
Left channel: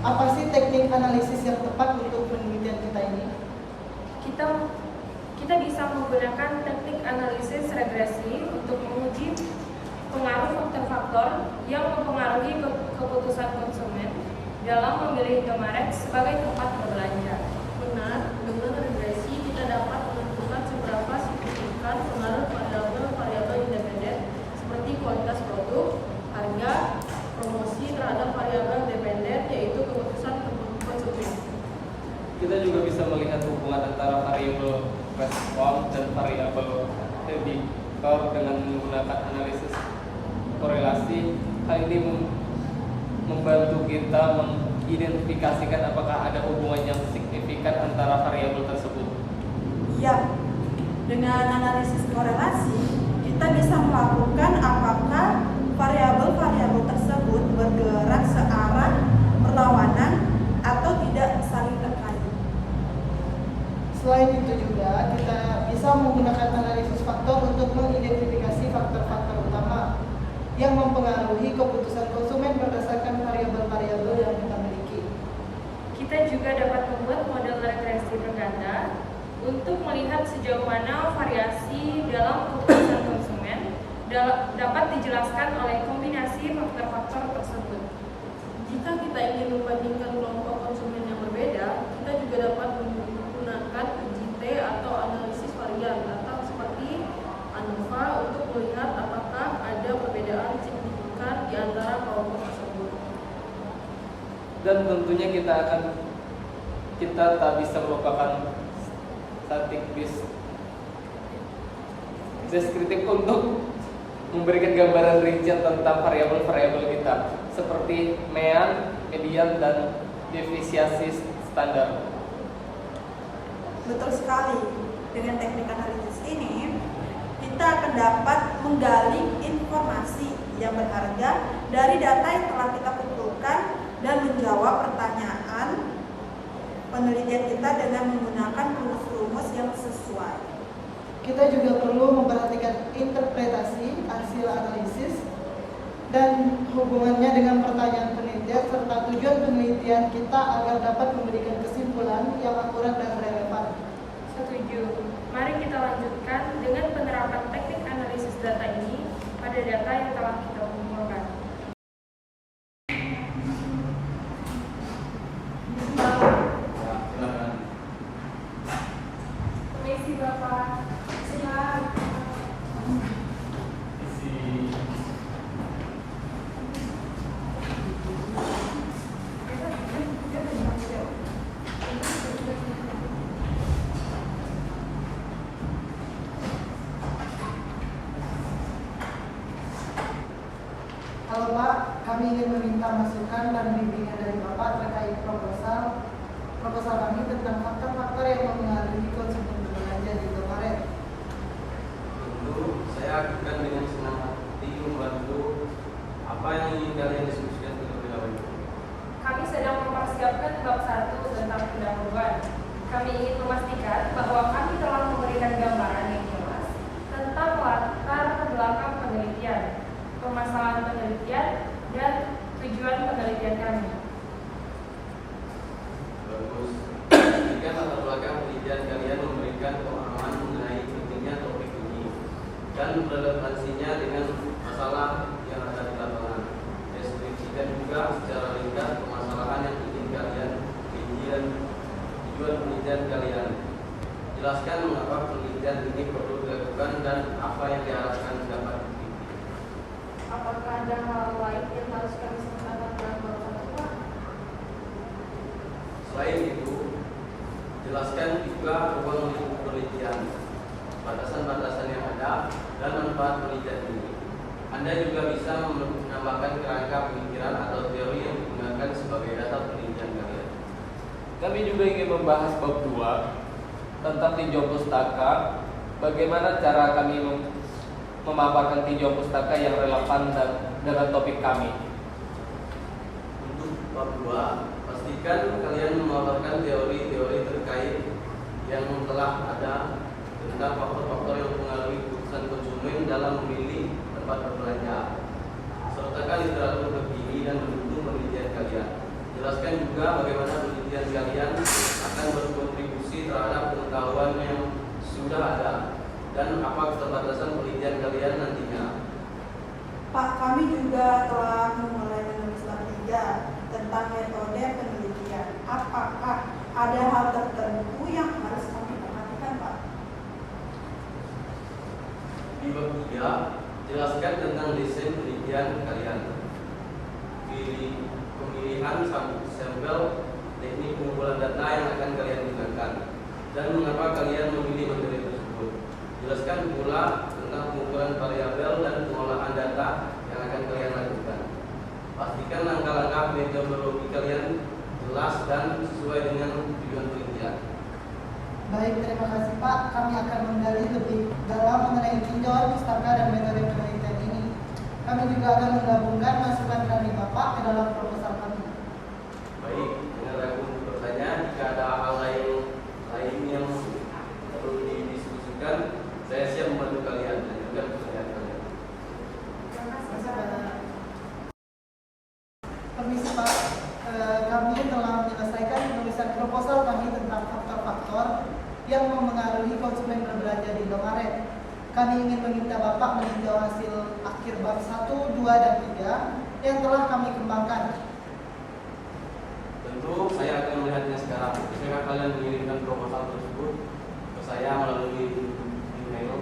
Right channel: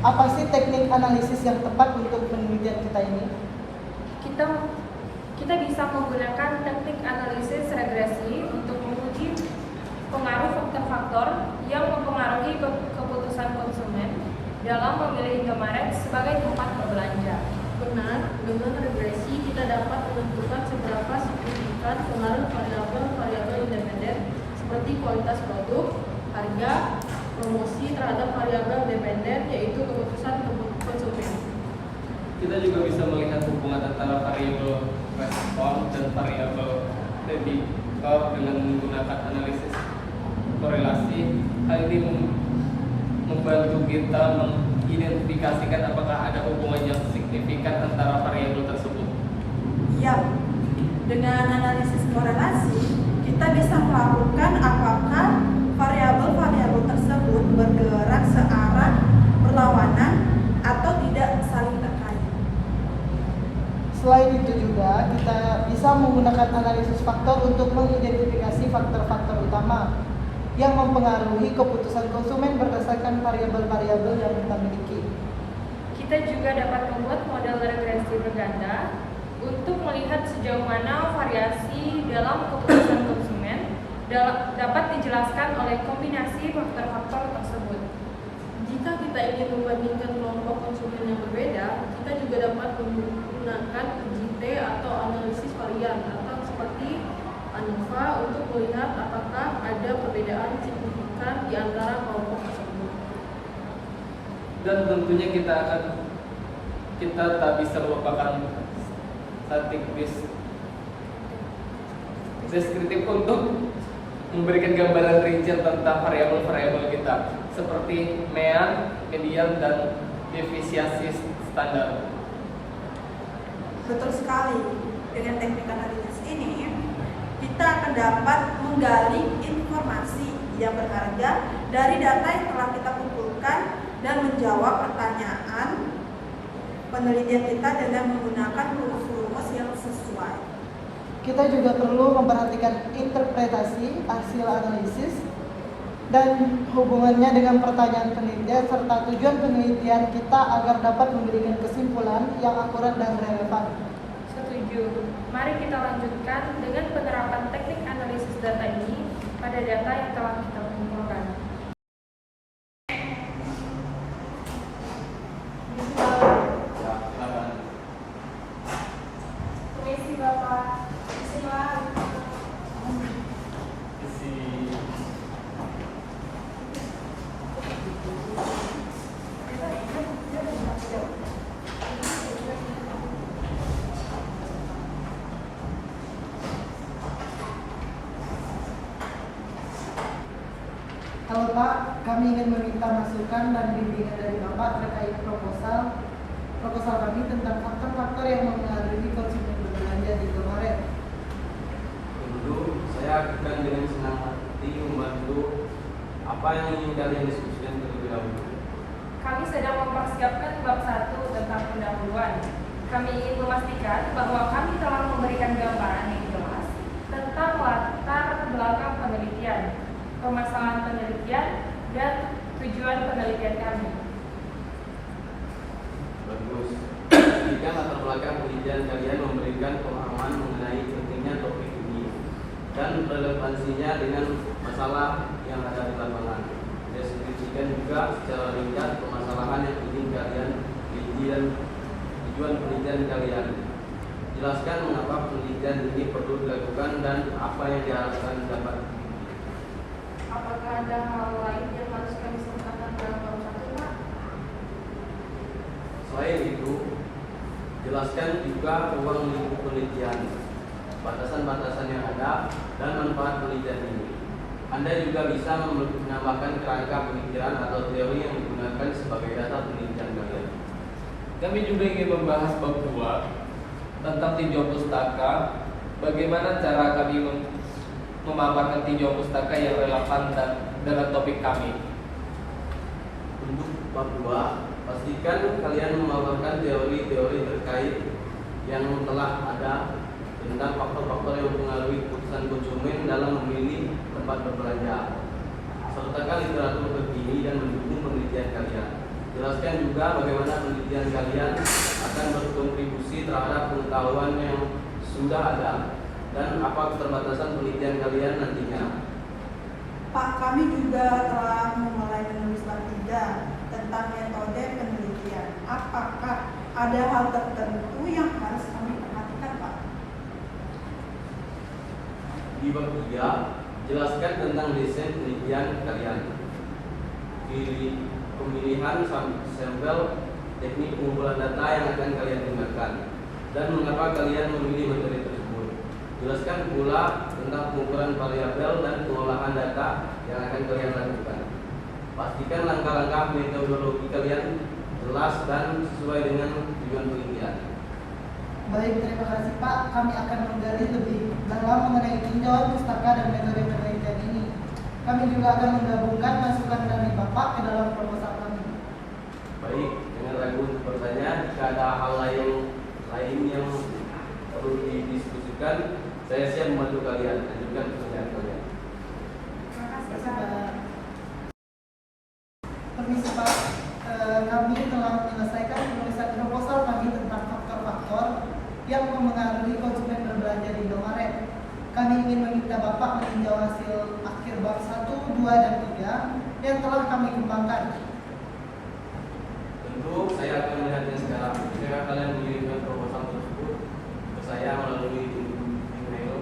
Apa sih teknik analisis yang tepat untuk penelitian kita ini? Kita bisa menggunakan teknik analisis regresi untuk menguji pengaruh faktor-faktor yang mempengaruhi keputusan konsumen dalam memilih Indomaret sebagai tempat berbelanja. Benar, dengan regresi kita dapat menentukan seberapa signifikan pengaruh variabel-variabel independen seperti kualitas produk, harga, promosi terhadap variabel dependen yaitu keputusan konsumen. Kita juga bisa melihat hubungan antara variabel respon dan variabel prediktor dengan menggunakan analisis korelasi. Hal ini membantu kita mengidentifikasikan apakah ada hubungan yang signifikan antara variabel tersebut. Ya, dengan analisis korelasi, kita bisa melakukan apakah variabel-variabel tersebut bergerak searah berlawanan atau tidak saling terkait. Selain itu juga, kita bisa menggunakan analisis faktor untuk mengidentifikasi faktor-faktor utama yang mempengaruhi keputusan konsumen berdasarkan variabel-variabel yang kita miliki. Kita juga dapat membuat model regresi berganda untuk melihat sejauh mana variasi dalam keputusan konsumen dapat dijelaskan oleh kombinasi faktor-faktor tersebut. Jika kita ingin membandingkan kelompok konsumen yang berbeda, kita juga dapat menggunakan uji T atau analisis varian atau seperti ANOVA untuk melihat apakah ada perbedaan signifikan di antara kelompok tersebut. Dan tentunya kita tak bisa melupakan statistik deskriptif untuk memberikan gambaran rincian tentang variabel-variabel kita seperti mean, median, dan defisiensi standar. Betul sekali. Dengan teknik analisis ini, kita akan dapat menggali informasi yang berharga dari data yang telah kita kumpulkan dan menjawab pertanyaan penelitian kita dengan menggunakan rumus-rumus yang sesuai. Kita juga perlu memperhatikan interpretasi hasil analisis dan hubungannya dengan pertanyaan penelitian serta tujuan penelitian kita agar dapat memberikan kesimpulan yang akurat dan relevan. Setuju. Mari kita lanjutkan dengan penerapan teknik analisis data ini pada data yang telah kita kumpulkan. Permisi Bapak, silakan. Pak, kami ingin meminta masukan dan bimbingan dari Bapak terkait proposal kami tentang faktor-faktor yang mempengaruhi konsumen berbelanja di Indomaret. Tentu saya akan dengan senang hati membantu apa yang ingin kalian diskusikan terlebih dahulu. Kami sedang mempersiapkan bab 1 tentang pendahuluan. Kami ingin memastikan bahwa kami telah memberikan gambaran yang jelas tentang latar belakang penelitian, permasalahan penelitian, dan tujuan penelitian kami. Bagus. Jika latar belakang penelitian kalian memberikan pemahaman mengenai pentingnya topik ini dan relevansinya dengan masalah yang ada di lapangan. Deskripsikan juga secara ringkas permasalahan yang ingin kalian teliti dan tujuan penelitian kalian. Jelaskan mengapa penelitian ini perlu dilakukan dan apa yang diharapkan dapat. Apakah ada hal lain yang harus kami sertakan dalam bab 1, Pak? Selain itu, jelaskan juga ruang lingkup penelitian, batasan-batasan yang ada, dan manfaat penelitian ini. Anda juga bisa menambahkan kerangka pemikiran atau teori yang digunakan sebagai dasar penelitian kalian. Kami juga ingin membahas bab 2 tentang tinjau pustaka. Bagaimana cara kami memaparkan tinjau pustaka yang relevan dan dengan topik kami. Untuk bab 2, pastikan kalian memaparkan teori-teori terkait yang telah ada tentang faktor-faktor yang mempengaruhi keputusan konsumen dalam memilih tempat berbelanja. Sertakan literatur terkini dan mendukung penelitian kalian. Jelaskan juga bagaimana penelitian kalian akan berkontribusi terhadap pengetahuan yang sudah ada dan apa keterbatasan penelitian kalian nantinya. Pak, kami juga telah memulai menulis bab 3 tentang metode penelitian. Apakah ada hal tertentu yang harus kami perhatikan, Pak? Di bab 3, jelaskan tentang desain penelitian kalian. Pemilihan sampel, teknik pengumpulan data yang akan kalian gunakan, dan mengapa kalian memilih metode tersebut. Jelaskan pula tentang pengukuran variabel dan pengolahan data yang akan kalian lakukan. Pastikan langkah-langkah metodologi kalian jelas dan sesuai dengan tujuan penelitian. Baik, terima kasih Pak. Kami akan menggali lebih dalam mengenai tinjauan pustaka dan metode penelitian ini. Kami juga akan menggabungkan masukan dari Bapak ke dalam proposal kami. Baik, dengan ragu bertanya, jika ada hal lain yang perlu didiskusikan, saya siap membantu kalian dan juga pertanyaan kalian. Terima kasih, Terima kasih, Pak. Pak. Permisi Pak, kami telah menyelesaikan penulisan proposal kami tentang faktor-faktor yang mempengaruhi konsumen berbelanja di Indomaret. Kami ingin meminta Bapak meninjau hasil akhir bab 1, 2, dan 3 yang telah kami kembangkan. Tentu saya akan melihatnya sekarang. Jika kalian mengirimkan proposal tersebut ke saya melalui email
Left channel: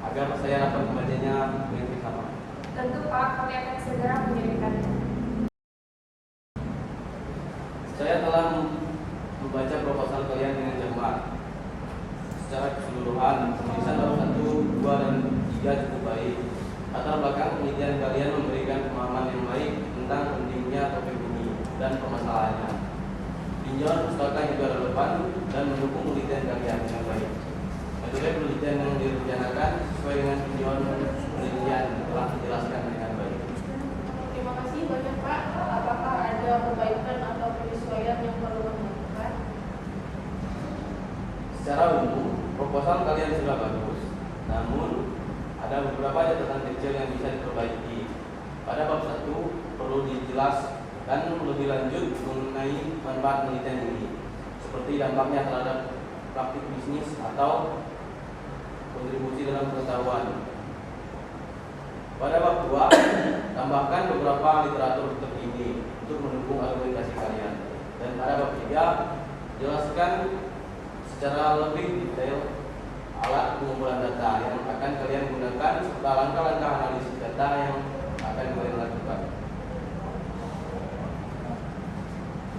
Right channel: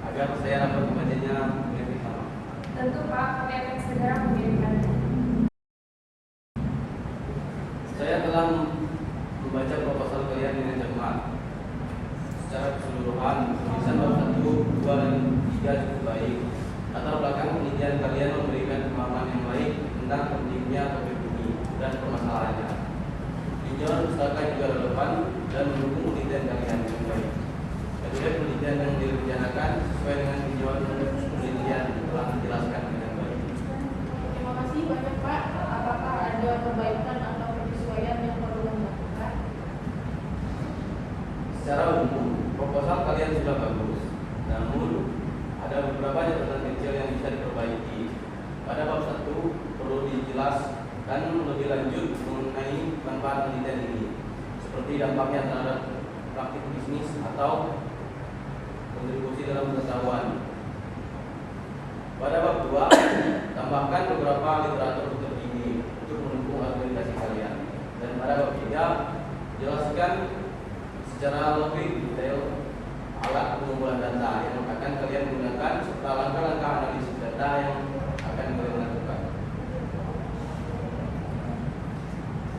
agar saya dapat membacanya dengan sama. Tentu Pak, kami akan segera mengirimkannya. Saya telah membaca proposal kalian dengan cermat. Secara keseluruhan, tulisan bab 1, 2, dan 3 cukup baik. Latar belakang penelitian kalian memberikan pemahaman yang baik tentang pentingnya topik ini dan permasalahannya. Tinjauan pustaka juga relevan dan mendukung penelitian kalian yang baik. Metode penelitian yang direncanakan sesuai dengan tujuan penelitian telah dijelaskan dengan baik. Terima kasih banyak Pak. Apakah ada perbaikan atau penyesuaian yang perlu dilakukan? Secara umum, proposal kalian sudah bagus, namun ada beberapa catatan kecil yang bisa diperbaiki. Pada bab 1 perlu dijelaskan lebih lanjut mengenai manfaat penelitian ini, seperti dampaknya terhadap praktik bisnis atau kontribusi dalam pengetahuan. Pada bab 2, tambahkan beberapa literatur terkini untuk mendukung argumentasi kalian. Dan pada bab 3, jelaskan secara lebih detail alat pengumpulan data yang akan kalian gunakan serta langkah-langkah analisis data yang akan kalian lakukan.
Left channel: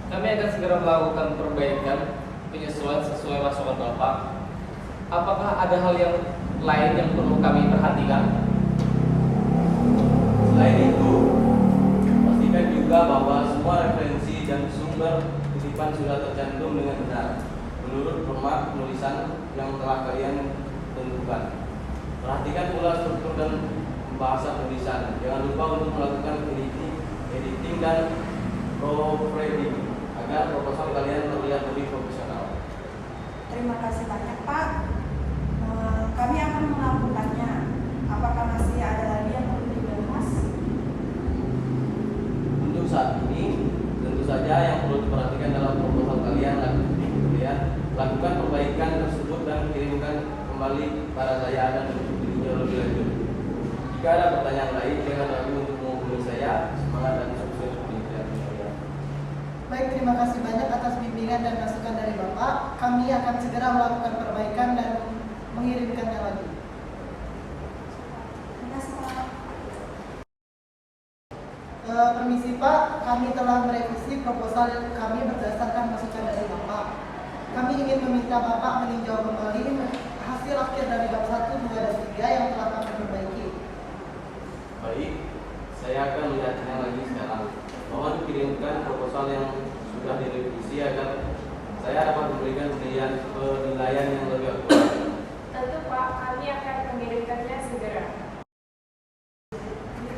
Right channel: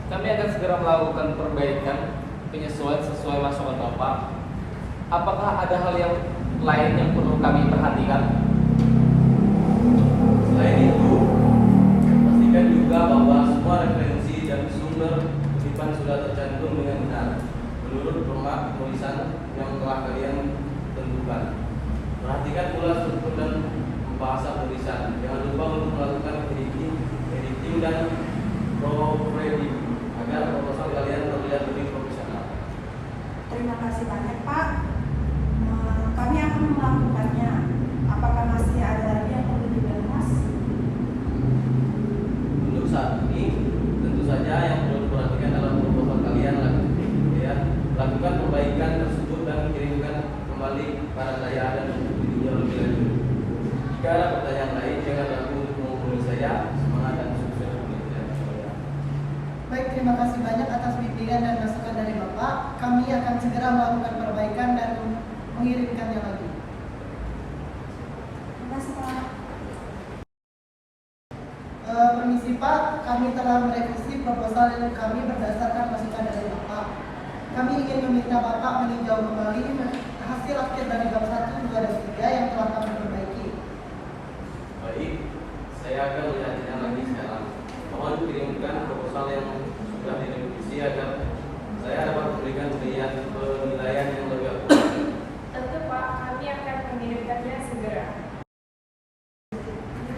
Kami akan segera melakukan perbaikan penyesuaian sesuai masukan Bapak. Apakah ada hal yang lain yang perlu kami perhatikan? Selain itu, juga bahwa semua referensi dan sumber kutipan sudah tercantum dengan benar menurut format penulisan yang telah kalian tentukan. Perhatikan pula struktur dan bahasa tulisan. Jangan lupa untuk melakukan editing dan proofreading agar proposal kalian terlihat lebih profesional. Terima kasih banyak Pak. Kami akan melakukannya. Apakah masih ada lagi yang perlu dibahas? Untuk saat ini, tentu saja yang perlu diperhatikan dalam proposal kalian lakukan perbaikan tersebut dan kirimkan kembali pada saya dan tinjau lebih lanjut. Jika ada pertanyaan lain, jangan ragu untuk menghubungi saya. Semangat dan sukses penelitian saya. Baik, terima kasih banyak atas bimbingan dan masukan dari Bapak. Kami akan segera melakukan perbaikan dan mengirimkannya lagi. Terima kasih Pak. Permisi Pak, kami telah merevisi proposal yang kami berdasarkan masukan dari Bapak. Kami ingin meminta Bapak meninjau kembali hasil akhir dari bab 1, 2, dan 3 yang telah kami perbaiki. Baik, saya akan melihatnya lagi sekarang. Mohon kirimkan proposal yang sudah direvisi agar saya dapat memberikan penilaian yang lebih akurat. Tentu Pak, kami akan mengirimkannya segera.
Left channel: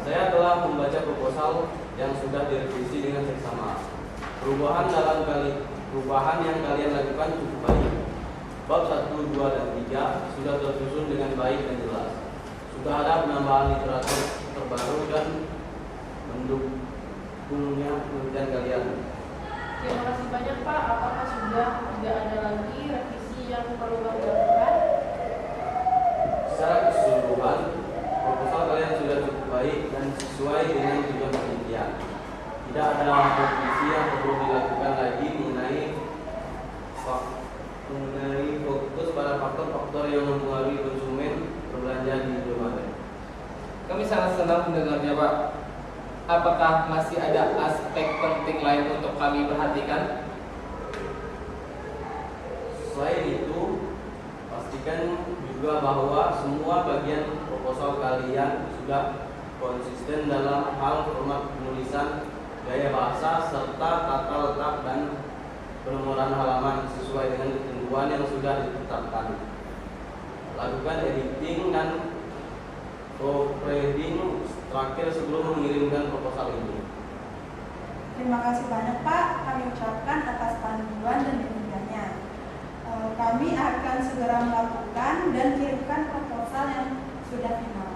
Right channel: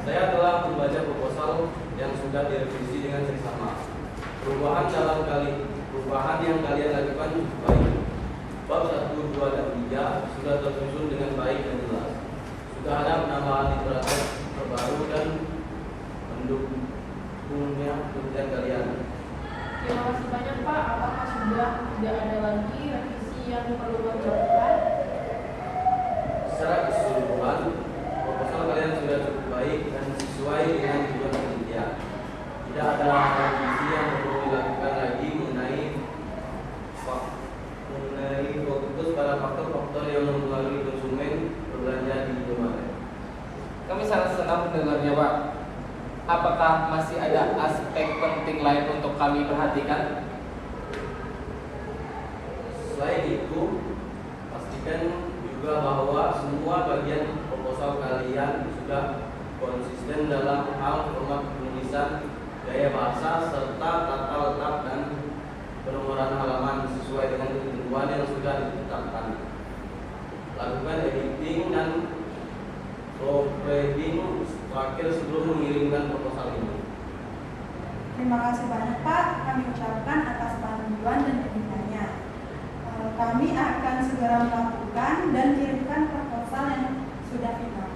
Saya telah membaca proposal yang sudah direvisi dengan seksama. Perubahan yang kalian lakukan cukup baik. Bab 1, 2, dan 3 sudah tersusun dengan baik dan jelas. Sudah ada penambahan literatur terbaru dan mendukungnya penelitian kalian. Terima kasih banyak Pak. Apakah sudah tidak ada lagi revisi yang perlu kami lakukan? Secara keseluruhan, proposal kalian sudah cukup baik dan sesuai dengan tujuan penelitian. Tidak ada revisi yang perlu dilakukan lagi mengenai fokus pada faktor-faktor yang mempengaruhi konsumen berbelanja di Indomaret. Kami sangat senang mendengarnya Pak. Apakah masih ada aspek penting lain untuk kami perhatikan? Selain itu, pastikan juga bahwa semua bagian proposal kalian sudah konsisten dalam hal format penulisan, gaya bahasa, serta tata letak dan penomoran halaman sesuai dengan ketentuan yang sudah ditetapkan. Lakukan editing dan proofreading terakhir sebelum mengirimkan proposal ini. Terima kasih banyak Pak. Kami ucapkan atas panduan dan bimbingannya. Kami akan segera melakukan dan kirimkan proposal yang sudah final.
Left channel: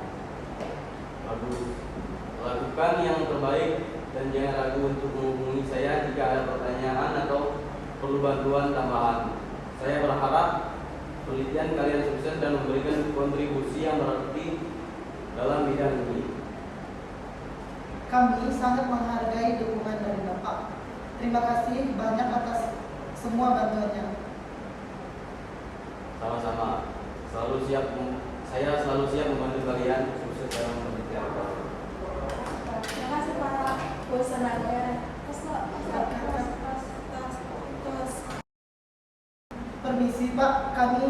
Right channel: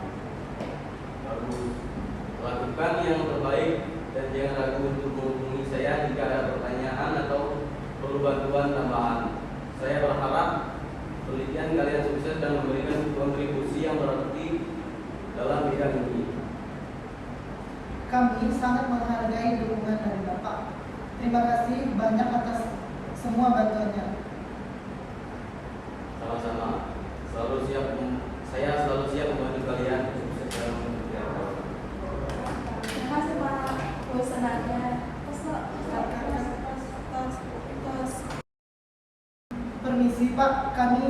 Lakukan yang terbaik dan jangan ragu untuk menghubungi saya jika ada pertanyaan atau perlu bantuan tambahan. Saya berharap penelitian kalian sukses dan memberikan kontribusi yang berarti dalam bidang ini. Kami sangat menghargai dukungan dari Bapak. Terima kasih banyak atas semua bantuannya. Sama-sama. Saya selalu siap membantu kalian sukses dalam penelitian. Terima kasih Pak. Wassalamualaikum. Permisi Pak, kami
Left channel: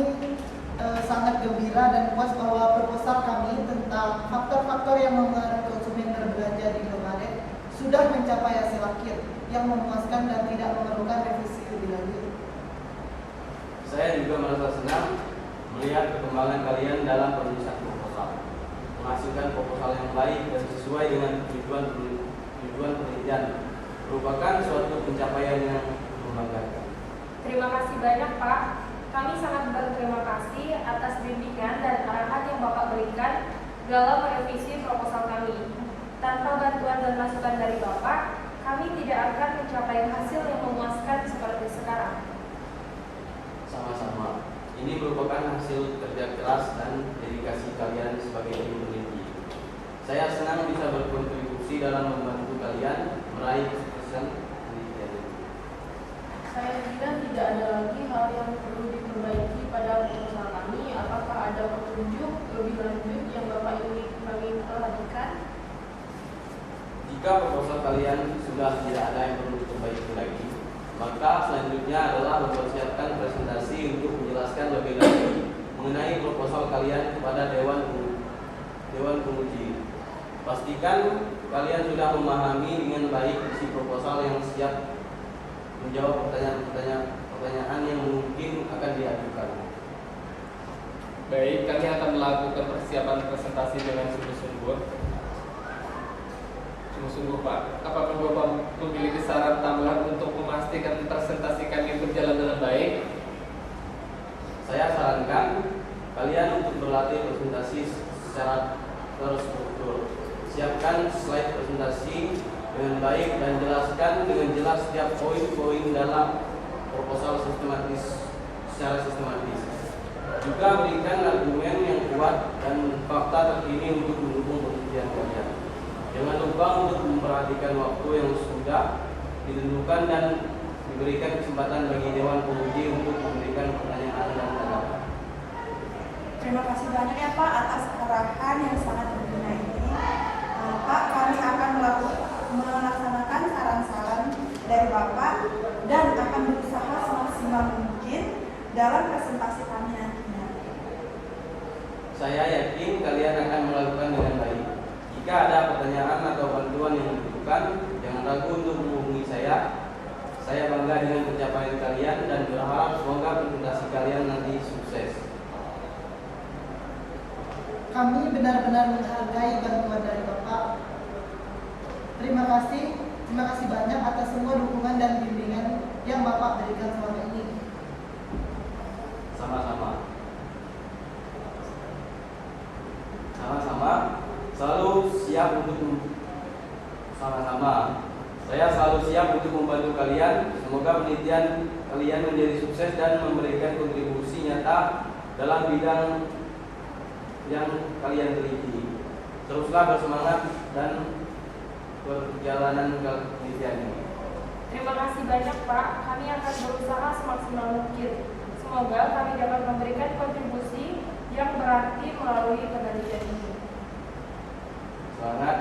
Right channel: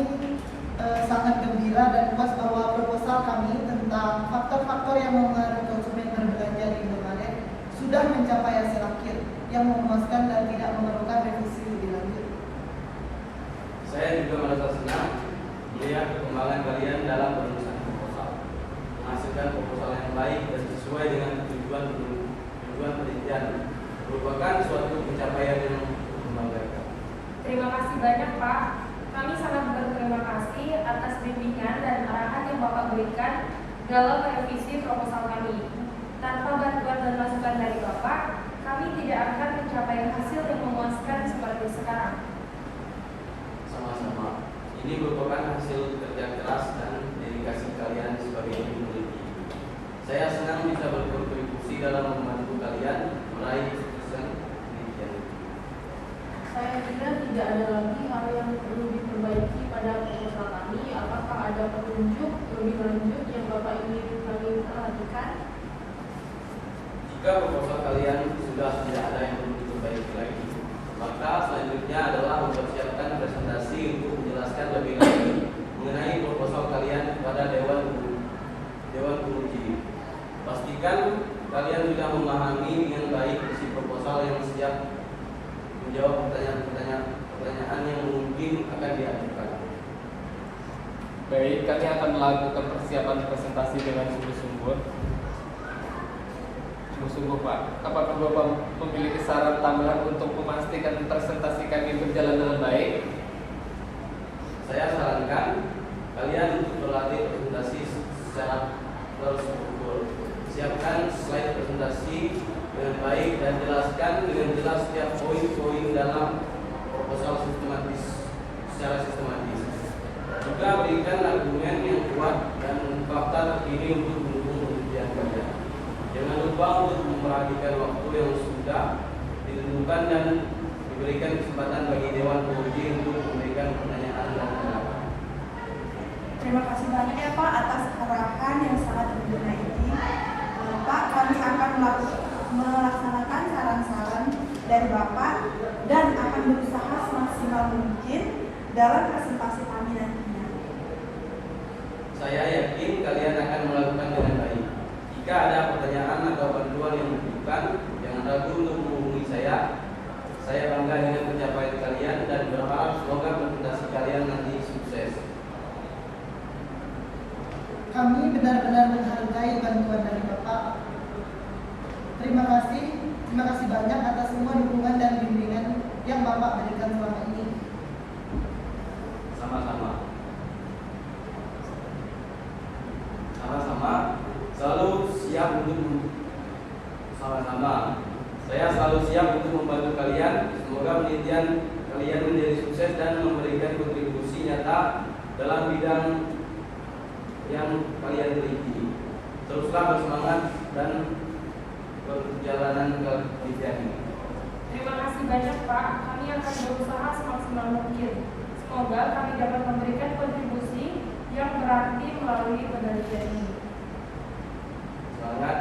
sangat gembira dan puas bahwa proposal kami tentang faktor-faktor yang mempengaruhi konsumen berbelanja di Indomaret sudah mencapai hasil akhir yang memuaskan dan tidak memerlukan revisi lebih lanjut. Saya juga merasa senang melihat perkembangan kalian dalam penulisan proposal, menghasilkan proposal yang baik dan sesuai dengan tujuan penelitian, merupakan suatu pencapaian yang membanggakan. Terima kasih banyak Pak. Kami sangat berterima kasih atas bimbingan dan arahan yang Bapak berikan dalam merevisi proposal kami. Tanpa bantuan dan masukan dari Bapak, kami tidak akan mencapai hasil yang memuaskan seperti sekarang. Sama-sama. Ini merupakan hasil kerja keras dan dedikasi kalian sebagai tim peneliti. Saya senang bisa berkontribusi dalam membantu kalian meraih kesuksesan penelitian ini. Saya kira tidak ada lagi hal yang perlu diperbaiki pada proposal kami. Apakah ada petunjuk lebih lanjut yang Bapak ingin kami perhatikan? Jika proposal kalian sudah tidak ada yang perlu diperbaiki lagi, maka selanjutnya adalah mempersiapkan presentasi untuk menjelaskan lebih lanjut mengenai proposal kalian kepada Dewan Penguji. Pastikan kalian sudah memahami dengan baik isi proposal yang siap menjawab pertanyaan yang mungkin akan diajukan. Baik, kami akan melakukan persiapan presentasi dengan sungguh-sungguh. Pak, apakah Bapak memiliki saran tambahan untuk memastikan presentasi kami berjalan dengan baik? Saya sarankan kalian untuk berlatih presentasi secara terstruktur. Siapkan slide presentasi dengan baik dan jelaskan dengan jelas setiap poin-poin dalam proposal secara sistematis. Juga berikan argumen yang kuat dan fakta terkini untuk mendukung penelitian kalian. Jangan lupa untuk memperhatikan waktu yang sudah ditentukan dan diberikan kesempatan bagi Dewan Penguji untuk memberikan pertanyaan dan tanggapan. Terima kasih banyak ya Pak atas arahan yang sangat berguna ini. Pak, kami akan melaksanakan saran-saran dari Bapak dan akan berusaha semaksimal mungkin dalam presentasi kami nantinya. Saya yakin kalian akan melakukan dengan baik. Jika ada pertanyaan atau bantuan yang dibutuhkan, jangan ragu untuk menghubungi saya. Saya bangga dengan pencapaian kalian dan berharap semoga presentasi kalian nanti sukses. Kami benar-benar menghargai bantuan dari Bapak. Terima kasih banyak atas semua dukungan dan bimbingan yang Bapak berikan selama ini. Sama-sama. Saya selalu siap untuk membantu kalian. Semoga penelitian kalian menjadi sukses dan memberikan kontribusi nyata dalam bidang yang kalian teliti. Teruslah bersemangat dan perjalanan penelitian ini. Terima kasih banyak Pak, kami akan berusaha semaksimal mungkin. Semoga kami dapat memberikan kontribusi yang berarti melalui penelitian ini. Semangat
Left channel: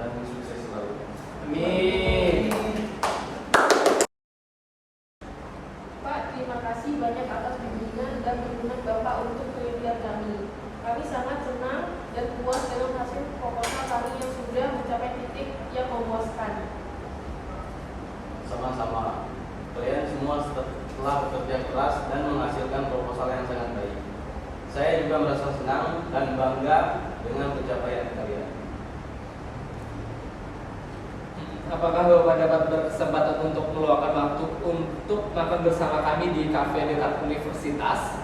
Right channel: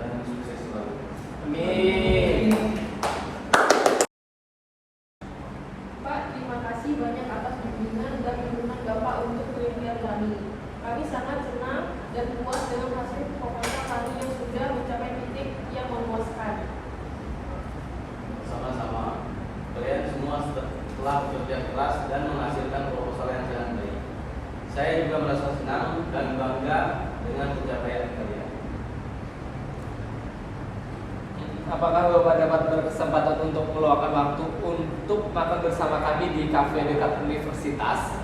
dan sukses selalu. Amin. Pak, terima kasih banyak atas bimbingan dan dukungan Bapak untuk penelitian kami. Kami sangat senang dan puas dengan hasil proposal kami yang sudah mencapai titik yang memuaskan. Sama-sama. Kalian semua telah bekerja keras dan menghasilkan proposal yang sangat baik. Saya juga merasa senang dan bangga dengan pencapaian kalian. Apakah Bapak dapat berkesempatan untuk meluangkan waktu untuk makan bersama kami di kafe dekat universitas?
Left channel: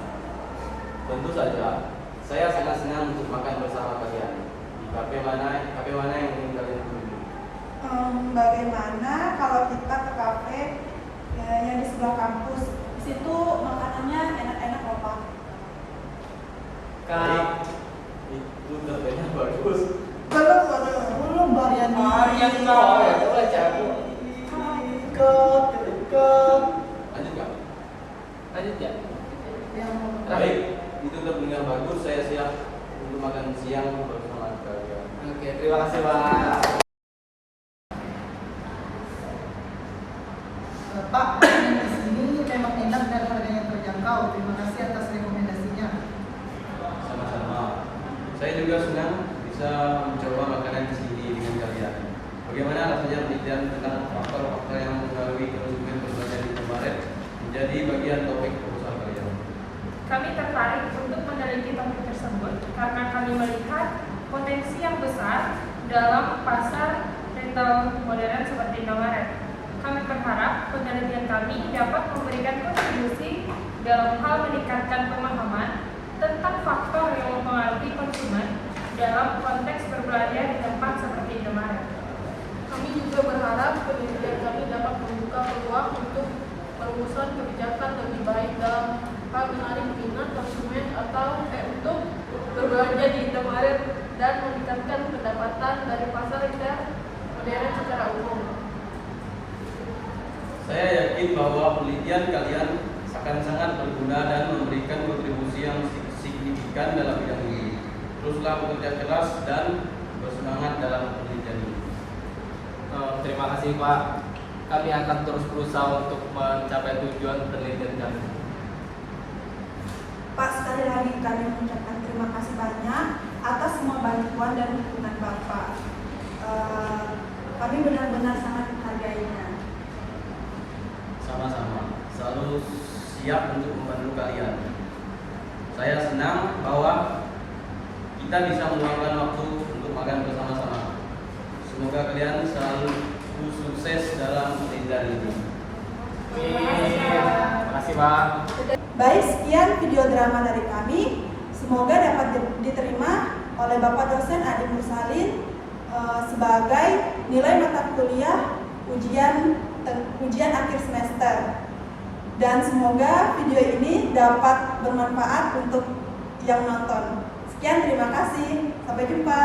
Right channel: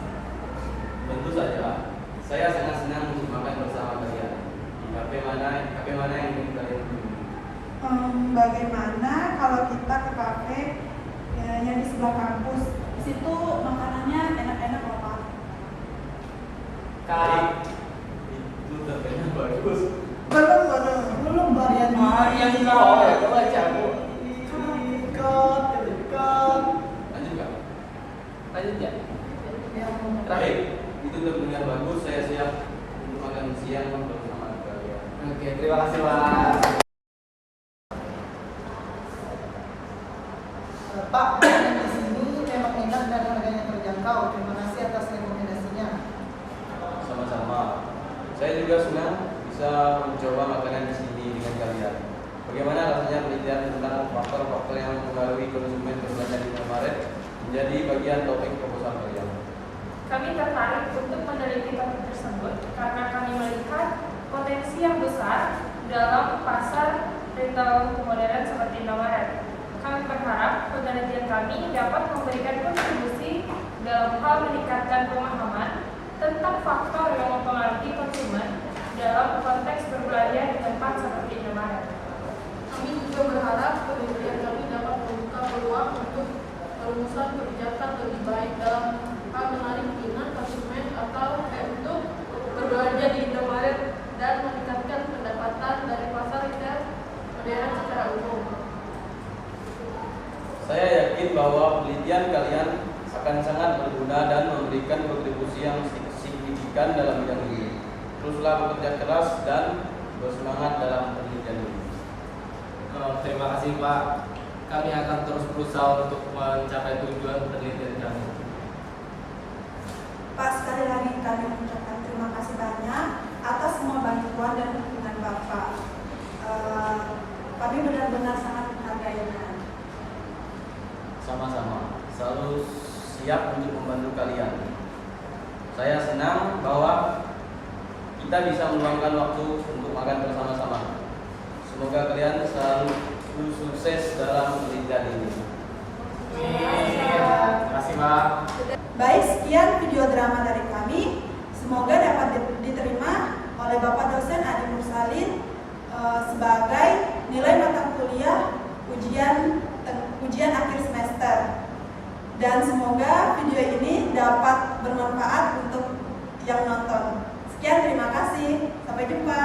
Tentu saja. Saya sangat senang untuk makan bersama kalian. Di kafe mana yang ingin kalian kunjungi? Bagaimana kalau kita ke kafe yang di sebelah kampus? Di situ makanannya enak-enak loh Pak. Baik. Itu kafenya bagus. Belum varian yang boleh jago. Deket. Lanjut nggak? Lanjut ya. Baik. Itu kafenya bagus. Saya siap untuk makan siang bersama kalian. Oke, terima kasih Pak. Pak, makanan di sini memang enak dan harganya terjangkau. Terima kasih atas rekomendasinya. Sama-sama. Saya juga senang bisa mencoba makanan di sini dengan kalian. Bagaimana rasanya penelitian tentang faktor-faktor yang mempengaruhi konsumen berbelanja di Indomaret menjadi bagian topik proposal kalian? Kami tertarik untuk meneliti topik tersebut karena kami melihat potensi yang besar dalam pasar retail modern seperti Indomaret. Kami berharap penelitian kami dapat memberikan kontribusi dalam hal meningkatkan pemahaman tentang faktor yang mempengaruhi konsumen dalam konteks berbelanja di tempat seperti Indomaret. Kami juga berharap penelitian kami dapat membuka peluang untuk perumusan kebijakan lebih baik dalam hal menarik minat konsumen atau untuk berbelanja di Indomaret dan meningkatkan pendapatan dari pasar retail modern secara umum. Saya yakin bahwa penelitian kalian akan sangat berguna dan memberikan kontribusi yang signifikan dalam bidang ini. Teruslah bekerja keras dan bersemangat dalam penelitian ini. Terima kasih Pak. Kami akan terus berusaha untuk mencapai tujuan penelitian kami. Pak, sekali lagi kami mengucapkan terima kasih banyak atas semua bantuan dan dukungan Bapak. Kami benar-benar sangat menghargainya. Sama-sama, selalu siap untuk membantu kalian. Saya senang bahwa kita bisa meluangkan waktu untuk makan bersama-sama. Semoga kalian selalu sukses dalam penelitian ini. Terima kasih, Pak. Baik, sekian video drama dari kami. Semoga dapat diterima oleh Bapak dosen Ade Mursalin sebagai nilai mata kuliah ujian akhir semester. Dan semoga video ini dapat bermanfaat untuk yang nonton. Sekian, terima kasih. Sampai jumpa.